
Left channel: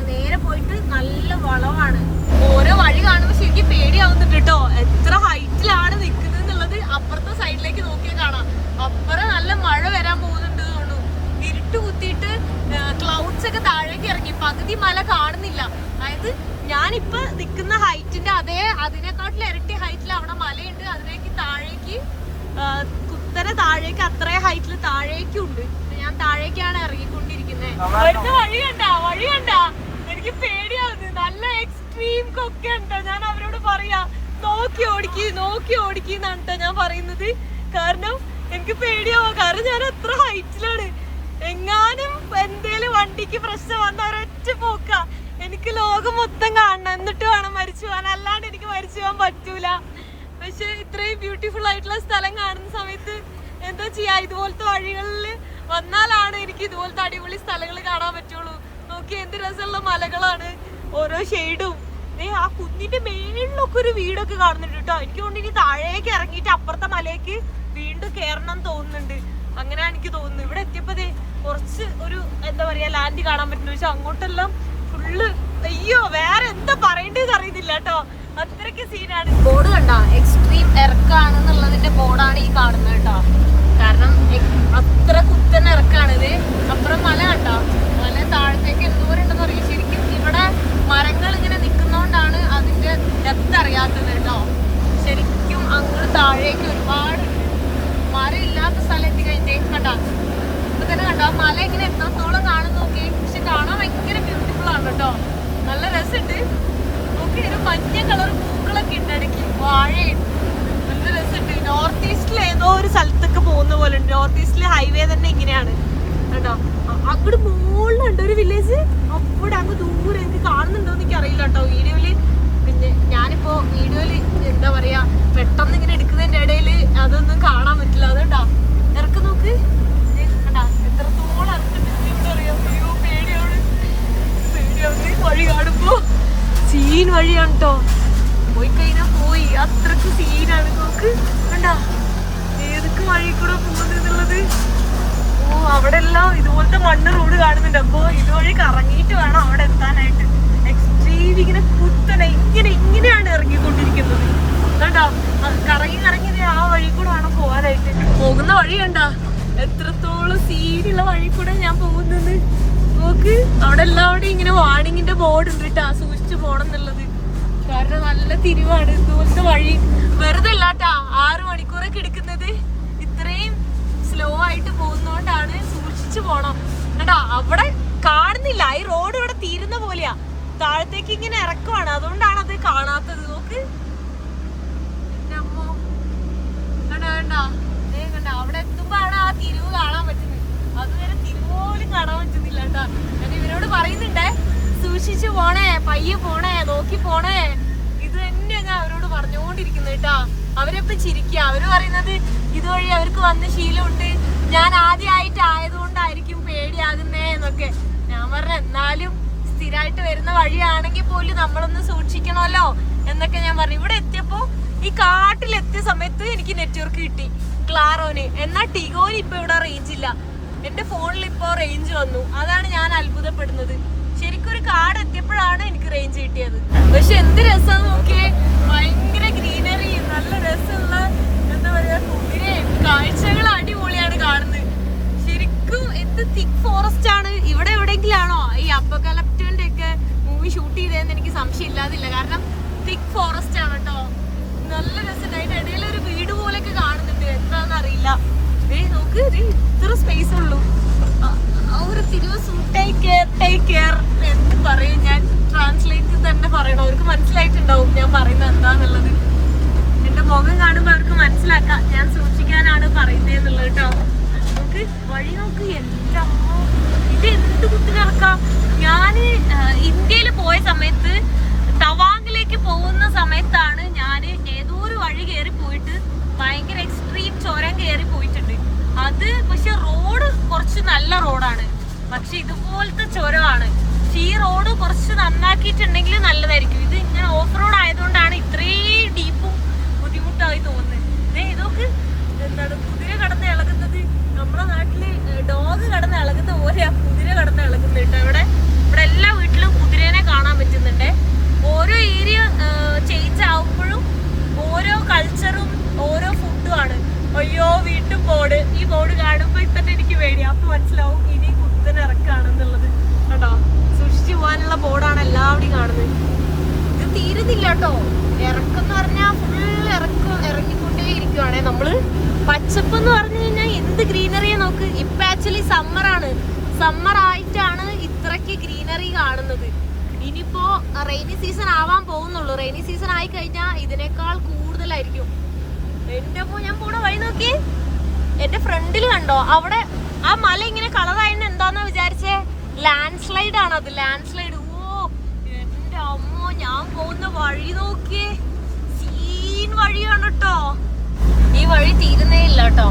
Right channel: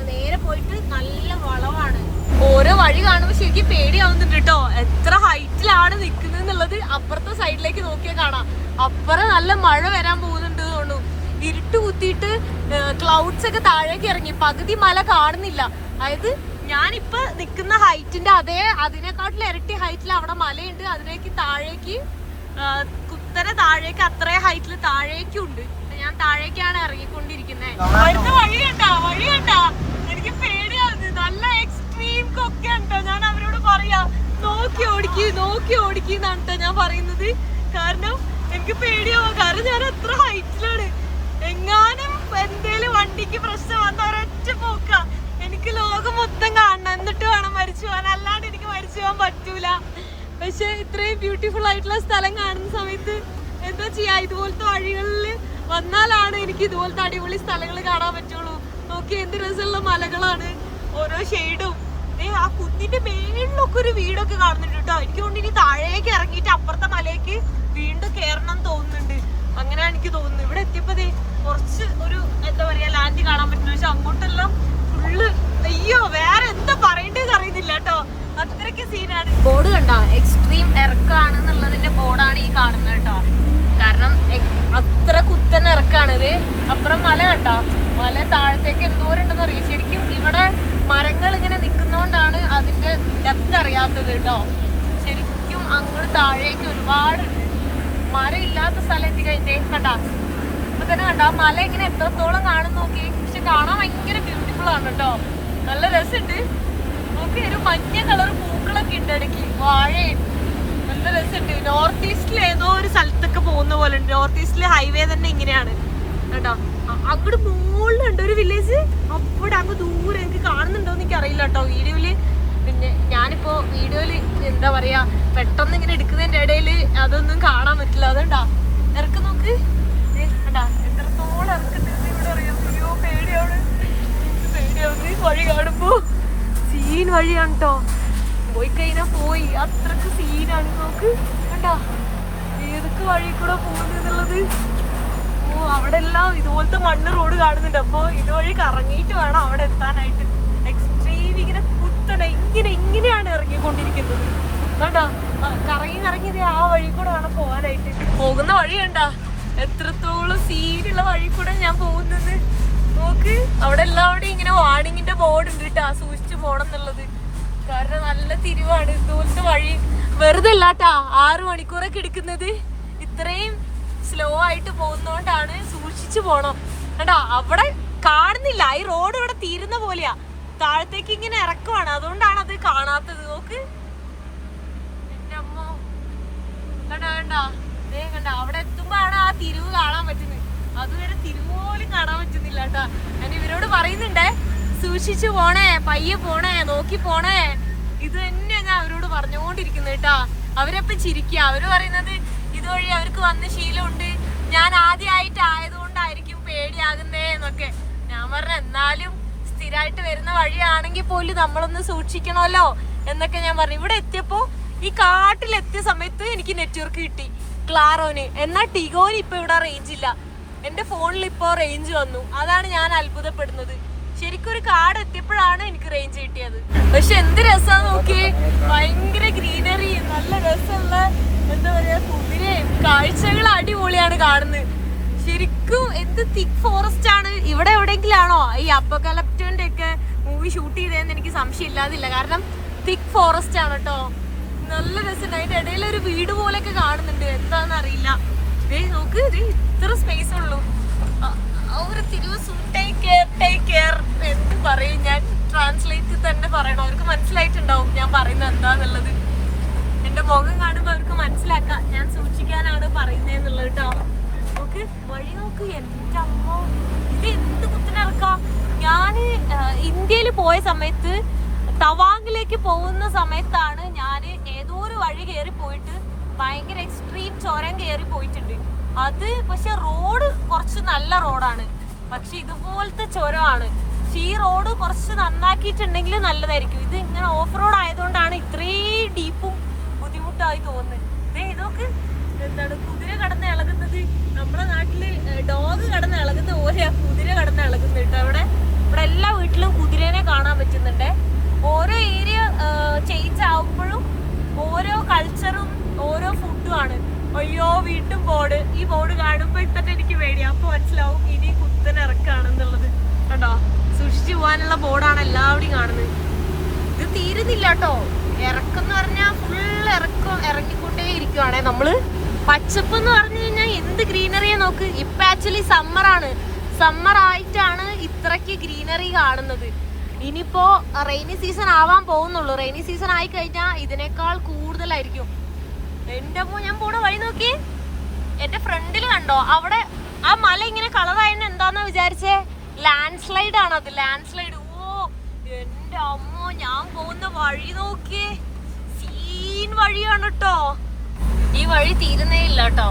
നേരെ പോയിട്ട് നല്ല വളവാണ്. ഓരോ വഴി കാണുമ്പോ ശരിക്കും പേടിയാവുന്നുണ്ട് കേട്ടോ. എത്ര ഹൈറ്റിലാണ് നിക്കുന്നത് എന്നുള്ളത് അപ്പുറത്തെ സൈഡിലേക്ക് നോക്കിയാൽ കാണാം. അപ്പുറം നല്ല മഴ വരാൻ പോകുന്നുണ്ട് തോന്നുന്നു. ഇരുട്ട് കുത്തിയിട്ട് ക്ലൗഡ്സ് ഒക്കെ താഴേക്ക് ഇറങ്ങി. പകുതി മല കാണുന്നില്ല. അതായത് ഞാനിപ്പോ നിക്കുന്ന ഹൈറ്റിന്റെ അതിനെക്കാട്ടിൽ ഇരട്ടി ഹൈറ്റിൽ അവിടെ മലയുണ്ട്. അതിലേക്ക് താഴേക്ക് കുത്തനെ താഴേക്ക് അത്ര ഹൈറ്റിൽ താഴേക്കും ഉണ്ട്. ഞാൻ താഴേക്കാണ് ഇറങ്ങിക്കൊണ്ടിരിക്കുന്നത്. വഴി കണ്ടാ എനിക്ക് പേടിയാവുന്നു. നല്ല എക്സ്ട്രീം കൊക്കെ ഉണ്ടോ. ഞാൻ അവരോട് പറയാ നോക്കി ഓടിക്കുന്നാണ് കേട്ടോ ഞാൻ പറയുന്നത്. കാരണം എനിക്ക് പേടിയാവാ. കാരണം ഞാൻ അത്ര ഹൈറ്റിലാണ്. എങ്ങാനും എന്തേലും വണ്ടിക്ക് പ്രശ്നം വന്ന ഒരൊറ്റ പോക്ക. എനിക്ക് ലോകം മൊത്തം കാണണം, എന്നിട്ട് വേണം മരിച്ചു പോകാൻ. അല്ലാണ്ട് എനിക്ക് മരിച്ചു പോകാൻ പറ്റൂല. പക്ഷെ ഇത്രയും ബ്യൂട്ടിഫുൾ ആയിട്ടുള്ള സ്ഥലം കാണുന്ന സമയത്ത് എന്താ ചെയ്യാ, ഇതുപോലത്തെ വഴികളിൽ വന്നാലാണ് എനിക്ക് ഇതുപോലത്തെ അടിപൊളി സ്ഥലങ്ങൾ കാണാൻ പറ്റുള്ളൂ. നോക്കി എന്ത് രസമുള്ള മലകളാണ്, ഓരോ ഷെയ്ഡും. ആ കുന്നിന്റെ മേളിലൊക്കെ ഒരു വീടൊക്കെ കാണുന്നുണ്ട് കേട്ടോ. എനിക്ക് തോന്നുന്നു ഇനി താഴേക്ക് ഇറങ്ങിയിട്ട് അപ്പുറത്തെ മലയ്ക്ക് വീണ്ടും കയറണം തോന്നുന്നുണ്ട്. അങ്ങനെയാണ് എനിക്ക് തോന്നുന്നത്. ഇവിടെ എത്തിയപ്പോ കുറച്ച് ഒരു എന്താ പറയാ ലാൻഡ് കാണാൻ പറ്റുന്നു. പക്ഷെ അങ്ങോട്ടെല്ലാം ഫുള്ള് അയ്യോ വേറെ എന്താ പറയേണ്ടത് അറിയുന്നില്ല കേട്ടോ. അത്രയ്ക്ക് സീനാണ്. ബോർഡ് കണ്ടോ, എക്സ്ട്രീം ഇറക്കാണെന്നുള്ളതിന്റെ ബോർഡാണ് ഈ കാണുന്നത് കേട്ടോ. കാരണം അത്ര കുത്തൻ ഇറക്കാണിത്. അപ്പുറം മല കണ്ടോ, മല താഴത്തേക്ക് എന്തോരുണ്ടെന്ന് അറിയാം. ശരിക്കും ഇവിടെ മരങ്ങൾ ഇങ്ങനെ നിൽക്കുന്നോണ്ടാണ് അതിന്റെ ഡെപ്ത് അറിയാത്തത് കേട്ടോ. ശരിക്കും അങ്ങോട്ട് താഴേക്ക് ഒരുപാട് മരം ഇല്ലാത്ത സ്ഥലം എത്തിക്കഴിഞ്ഞേ കണ്ടാ. ഇപ്പൊ തന്നെ കണ്ടോ മല ഇങ്ങനെ എത്രത്തോളം കാണും നോക്കി. പക്ഷെ കാണാൻ ഭയങ്കര ബ്യൂട്ടിഫുൾ ആണ് കേട്ടോ. നല്ല രസമുണ്ട്. നോക്കി ഒരു മഞ്ഞ കളർ പൂക്കളൊക്കെ ഉണ്ട് ഇടയ്ക്ക്, വാഴയും. നല്ല രസമുണ്ട്. നോർത്ത് ഈസ്റ്റിൽ ഏതോ ഒരു സ്ഥലത്തൊക്കെ പോകുന്ന പോലെ ഉണ്ട്. നോർത്ത് ഈസ്റ്റിലെ ഹൈവേ തന്നെ ഇങ്ങനെയാണ് കേട്ടോ. അങ്ങോട്ട് മുകളിലുണ്ട് ഒരു വില്ലേജ്. അവിടെ അങ്ങ് ദൂരെ എനിക്ക് കാണുന്നുണ്ടോന്ന് എനിക്ക് അറിയില്ല കേട്ടോ വീഡിയോയില്. പിന്നെ ഞാനിപ്പോ വീഡിയോയില് എന്താ പറയാ പെട്ടെന്ന് ഇങ്ങനെ എടുക്കുന്നതിന്റെ ഇടയില് അതൊന്നും കാണാൻ പറ്റില്ല. അതുകൊണ്ടാ ഇറക്കം നോക്ക് കണ്ടാ എത്രത്തോളം ഇറക്കത്തില്ലെന്ന് ഇവിടെ അറിയാം. അയ്യോ പേടിയാവുന്ന വഴി കാണുമ്പോ. സീൻ വഴിയാണ് കേട്ടോ. പോയി കഴിഞ്ഞാ പോയി, അത്രക്ക് സീനാണ്. നോക്ക് കണ്ടാ ഏതൊക്കെ വഴി കൂടെ പോകുന്നുള്ളത്. ഓ അവിടെ എല്ലാം ഇതുപോലത്തെ മണ്ണ് റോഡ് കാണുന്നുണ്ട്. അപ്പൊ ഇതുവഴി കറങ്ങിയിട്ട് വേണം അവിടെ എത്താനായിട്ട്. എക്സ്ട്രീം ഇങ്ങനെ കുത്തനെ ഇങ്ങനെയാണ് ഇറങ്ങിക്കൊണ്ടിരിക്കുന്നത്. കണ്ടാ കറങ്ങി ആ വഴി കൂടെ വേണം പോവാനായിട്ട്. പോകുന്ന വഴി കണ്ടാ എത്രത്തോളം സീനുള്ള വഴി കൂടെ ഞാൻ പോകുന്നത്. നോക്ക് അവിടെ എല്ലാവരുടെയും ഇങ്ങനെ വാണിങ്ങിന്റെ ബോർഡ് ഉണ്ട് കേട്ടാ, സൂക്ഷിച്ചു പോണം എന്നുള്ളത്. കാരണം നല്ല തിരിവാണ്. ഇതുപോലത്തെ വഴി വെറുതെ അല്ലാട്ടാ 6 മണിക്കൂറൊക്കെ എടുക്കുന്നത്. ഇത്രയും സ്ലോ ആയിട്ട് പോകുന്നോണ്ടാണ്. സൂക്ഷിച്ചു പോണം കേട്ടാ. അവിടെ കാണുന്നില്ല, ഈ റോഡ് ഇവിടെ തീരുന്ന പോലെയാ. താഴത്തേക്ക് ഇങ്ങനെ ഇറക്കുവാണ്, അതുകൊണ്ടാണ് അത് കാണാത്തത്. നോക്ക് എന്റെ അമ്മ കണ്ടാ കണ്ടാ അവിടെ എത്തുമ്പോഴാണ് ആ തിരിവ് കാണാൻ പറ്റുന്നത്. അതുവരെ തിരുവോലും കാണാൻ പറ്റുന്നില്ല കേട്ടാ. ഞാൻ ഇവരോട് പറയുന്നുണ്ടേ സൂക്ഷിച്ചു പോണേ, പയ്യെ പോണേ, നോക്കി പോണേ. ഇത് തന്നെ ഞാൻ അവരോട് പറഞ്ഞുകൊണ്ടിരിക്കുന്നത് കേട്ടാ. അവരപ്പം ചിരിക്കുക. അവര് പറയുന്നത് ഇതുവഴി അവർക്ക് വന്ന ശീലമുണ്ട്, ഞാൻ ആദ്യമായിട്ട് ആയതുകൊണ്ടായിരിക്കും പേടിയാകുന്നേ എന്നൊക്കെ. ഞാൻ പറഞ്ഞ എന്നാലും സ്ഥിരമായിട്ട് വരുന്ന വഴിയാണെങ്കിൽ പോലും നമ്മളൊന്ന് സൂക്ഷിക്കണമല്ലോ എന്നൊക്കെ ഞാൻ പറഞ്ഞു. ഇവിടെ എത്തിയപ്പോ ഈ കാട്ടിലെത്തിയ സമയത്ത് എനിക്ക് നെറ്റ്വർക്ക് കിട്ടി ക്ലാറോന്. എന്നാൽ ടിഗോന് ഇപ്പൊ ഇവിടെ റേഞ്ച് ഇല്ല. എന്റെ ഫോണിൽ ഇപ്പോ റേഞ്ച് വന്നു. അതാണ് ഞാൻ അത്ഭുതപ്പെടുന്നത്. ശരിക്കും ഒരു കാട് എത്തിയപ്പോഴാണ് എനിക്ക് റേഞ്ച് കിട്ടിയത്. പക്ഷെ എന്ത് രസം നോക്കി, ഭയങ്കര ഗ്രീനറി, നല്ല രസമുള്ള എന്താ പറയാ കുതിരയും കാഴ്ചകൾ അടിപൊളിയാണ് കാണുന്നത്. ശരിക്കും എന്ത് തിക്ക് ഫോറസ്റ്റ് ആണ്. ഇവിടെ എവിടെയെങ്കിലും ആണോ ഈ അപ്പോകലിപ്റ്റോന്റെ ഒക്കെ മൂവി ഷൂട്ട് ചെയ്തതെന്ന് എനിക്ക് സംശയം ഇല്ലാതില്ല. കാരണം തിക്ക് ഫോറസ്റ്റ് ആണ് കേട്ടോ. നല്ല രസമുണ്ട്. അതിന്റെ ഇടയിൽ ഒരു വീട് പോലെയൊക്കെ കാണുന്നുണ്ട്, എന്താന്ന് അറിയില്ല. നോക്ക് ഇത്ര സ്പേസ് ഉള്ളൂ. ഒരു എന്ത് പറയും ഞാൻ, ട്രാൻസ്ലേറ്റ് തന്നെ പറയണം. അവർക്ക് മനസ്സിലായിട്ടുണ്ടാവും ഞാൻ പറയുന്നത് എന്താന്നുള്ളത്. എന്റെ മുഖം കാണുമ്പോ അവർക്ക് മനസ്സിലാക്കാം ഞാൻ സൂക്ഷിക്കാനാണ് പറയുന്നതെന്നുള്ളത് കേട്ടോ. നോക്ക് വഴി നോക്ക്, എന്തമ്മോ ഇത് എന്ത് കുത്തിനിറക്കാം. ഞാന് ഇന്ത്യയിൽ പോയ സമയത്ത് തവാങ്ങിലേക്ക് പോകുന്ന സമയത്താണ് ഞാൻ ഏതോ ഒരു വഴി കയറി പോയിട്ട് ഭയങ്കര എക്സ്ട്രീം ചുരം കയറി പോയിട്ടുണ്ട്. അത് പക്ഷെ റോഡ് കുറച്ച് നല്ല റോഡാണ്, പക്ഷെ ഇതുപോലത്തെ ചുരമാണ്. പക്ഷെ ഈ റോഡ് കുറച്ച് നന്നാക്കിയിട്ടുണ്ടെങ്കിൽ നല്ലതായിരിക്കും. ഇത് ഇങ്ങനെ ഓഫ് റോഡ് ആയതുകൊണ്ടാണ് ഇത്രയും ഡീപ്പും ബുദ്ധിമുട്ടായി തോന്നുന്നത്. ഇതൊക്കെ എന്താണ് കുതിര കടന്ന് ഇളകുന്നത്. നമ്മുടെ നാട്ടില് ഡോഗ് കടന്ന് ഇളകുന്ന പോലെയാ കുതിര കടന്ന് ഇളകുന്നത് കേട്ടോ. ഇവിടെ എല്ലാ വീട്ടിലും കുതിരേനെ കാണാൻ പറ്റുന്നുണ്ട്. ഓരോ ഏരിയ ചേഞ്ച് ആവുമ്പോഴും ഓരോ കൾച്ചറും ഓരോ ഫുഡും ആണ്. അയ്യോ വീണ്ടും ബോർഡ്. ഈ ബോർഡ് കാണുമ്പോ തന്നെ എനിക്ക് പേടിയാ. അപ്പൊ മനസ്സിലാവും ഇനി കുത്തനെ ഇറക്കാണെന്നുള്ളത്. കേട്ടോ, സൂക്ഷിച്ചു പോകാനുള്ള ബോർഡാണ് എല്ലാവരും കാണുന്നത്. ഇത് തീരുന്നില്ല കേട്ടോ. ഇറക്കം പറഞ്ഞാൽ ഫുള്ള് ഇറങ്ങിക്കൊണ്ടേ ഇരിക്കുവാണേ നമ്മള്. പച്ചപ്പ് എന്ന് പറഞ്ഞു കഴിഞ്ഞാൽ എന്ത് ഗ്രീനറിയെ നോക്ക്. ഇപ്പൊ ആക്ച്വലി സമ്മറാണ്. സമ്മർ ആയിട്ടാണ് ഇത്രയ്ക്ക് ഗ്രീനറി കാണുന്നത്. ഇനിയിപ്പോ റെയിനി സീസൺ ആവാൻ പോകുന്നുള്ളൂ. റെയിനി സീസൺ ആയി കഴിഞ്ഞാൽ ഇതിനേക്കാൾ കൂടുതലായിരിക്കും. എന്റെ അമ്മ, ഞാൻ പോണ വഴി നോക്കി. എന്റെ ഫ്രണ്ടിൽ കണ്ടോ അവിടെ ആ മല ഇങ്ങനെ കളറായെന്ന് എന്താന്നാ വിചാരിച്ചേ? ലാൻഡ് സ്ലൈഡ് ആണ് അത്. Land slide. ഓ എന്റെ അമ്മോ, ഞാൻ പോകുന്ന വഴി നോക്കിയേ. സീൻ വഴിയാണ് കേട്ടോ. ഈ വഴി തീരുന്നേ ഇല്ല കേട്ടോ.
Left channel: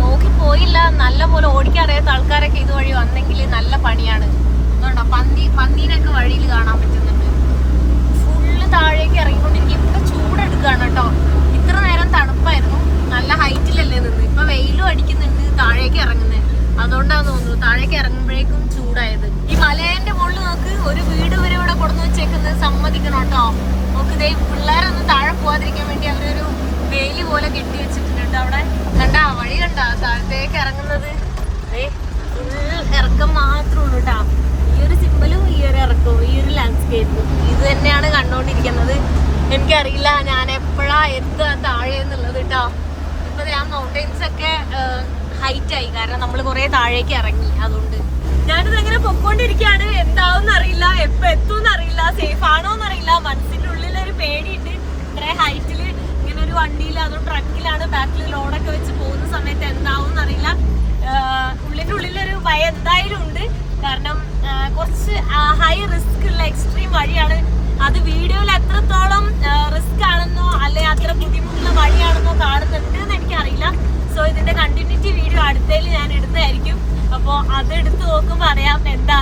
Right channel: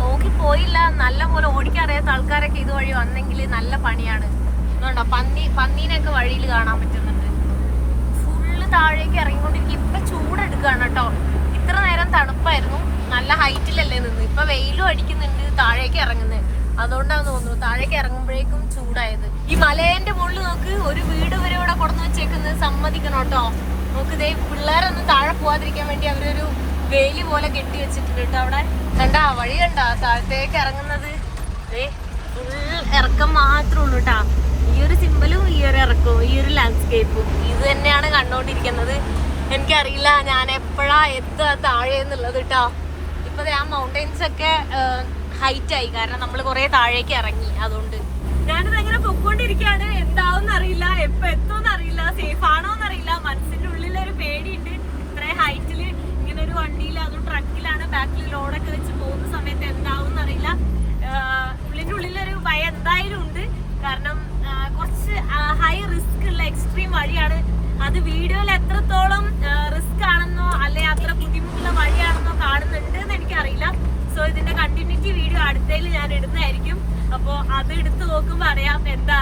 നോക്കി പോയില്ല. നല്ല പോലെ ഓടിക്കാറിയാത്ത ആൾക്കാരൊക്കെ ഇതുവഴി വന്നെങ്കിൽ നല്ല പണിയാണ്. അതുകൊണ്ടോ പന്നീനൊക്കെ വഴിയിൽ കാണാൻ പറ്റുന്നുണ്ട്. ഫുള്ള് താഴേക്ക് ഇറങ്ങിക്കൊണ്ടിരിക്കും. ഇപ്പൊ ചൂടെടുക്കുകയാണ് കേട്ടോ. ഇത്ര നേരം തണുപ്പായിരുന്നു, നല്ല ഹൈറ്റിലല്ലേ നിന്ന്. ഇപ്പൊ വെയിലും അടിക്കുന്നുണ്ട് താഴേക്ക് ഇറങ്ങുന്നത്. അതുകൊണ്ടാന്ന് തോന്നുന്നു താഴേക്ക് ഇറങ്ങുമ്പോഴേക്കും ചൂടായത്. ഈ മലേന്റെ മുകളിൽ നോക്ക്, ഒരു വീട് വരെ ഇവിടെ കൊടുന്നു വെച്ചേക്കുന്നത്. സമ്മതിക്കണം കേട്ടോ. നോക്ക്, ഇതേ പിള്ളേരൊന്നും താഴെ പോവാതിരിക്കാൻ വേണ്ടി അവരൊരു വേലി പോലെ കെട്ടി വെച്ചിട്ടുണ്ട് കേട്ടോ. അവിടെ കണ്ടാ വഴി കണ്ടാ താഴത്തേക്ക് ഇറങ്ങുന്നത്. ഫുൾ ഇറക്കം മാത്രമേ ഉള്ളൂ കേട്ടാ. ഈ ഒരു സിമ്പലും ഈ ഒരു ഇറക്കവും ഈ ഒരു ലാൻഡ്സ്കേപ്പും ഇത് തന്നെയാണ് കണ്ടോണ്ടിരിക്കുന്നത്. എനിക്കറിയില്ല ഞാൻ എപ്പോഴാ എത്തുക താഴെ എന്നുള്ളത് കേട്ടോ. ഇപ്പൊ ആ മൗണ്ടൈൻസ് ഒക്കെ ഹൈറ്റ് ആയി, കാരണം നമ്മൾ കുറെ താഴേക്ക് ഇറങ്ങി. അതുകൊണ്ട് ഞാനിത് എങ്ങനെ പൊക്കോണ്ടിരിക്കുകയാണ്. എന്താവും അറിയില്ല, എപ്പോ എത്തും അറിയില്ല, സേഫ് ആണോ എന്നറിയില്ല. മനസ്സിന്റെ ഉള്ളിലൊരു പേടിയുണ്ട്. ഇത്രയും ഹൈറ്റില് ഇങ്ങനെ ഒരു വണ്ടിയിൽ, അതും ട്രക്കിലാണ്, ബാക്കിൽ ലോഡൊക്കെ വെച്ച് പോകുന്ന സമയത്ത് എന്താവും അറിയില്ല. ഉള്ളിന്റെ ഉള്ളിലൊരു ഭയം എന്തായാലും ഉണ്ട്. കാരണം കുറച്ച് ഹൈ റിസ്ക് ഉള്ള എക്സ്ട്രീം വഴിയാണ്. അത് വീഡിയോയിൽ എത്രത്തോളം റിസ്ക് ആണെന്നോ അല്ലെ അത്ര ബുദ്ധിമുട്ടുള്ള വഴിയാണെന്നോ കാണുന്നുണ്ട് എന്ന് എനിക്കറിയില്ല. സോ ഇതിന്റെ കണ്ടിന്യൂറ്റി വീഡിയോ അടുത്തതിൽ ഞാൻ ഇടുന്നതായിരിക്കും. അപ്പോൾ അത് എടുത്ത് നോക്കുമ്പോൾ അറിയാം എന്താ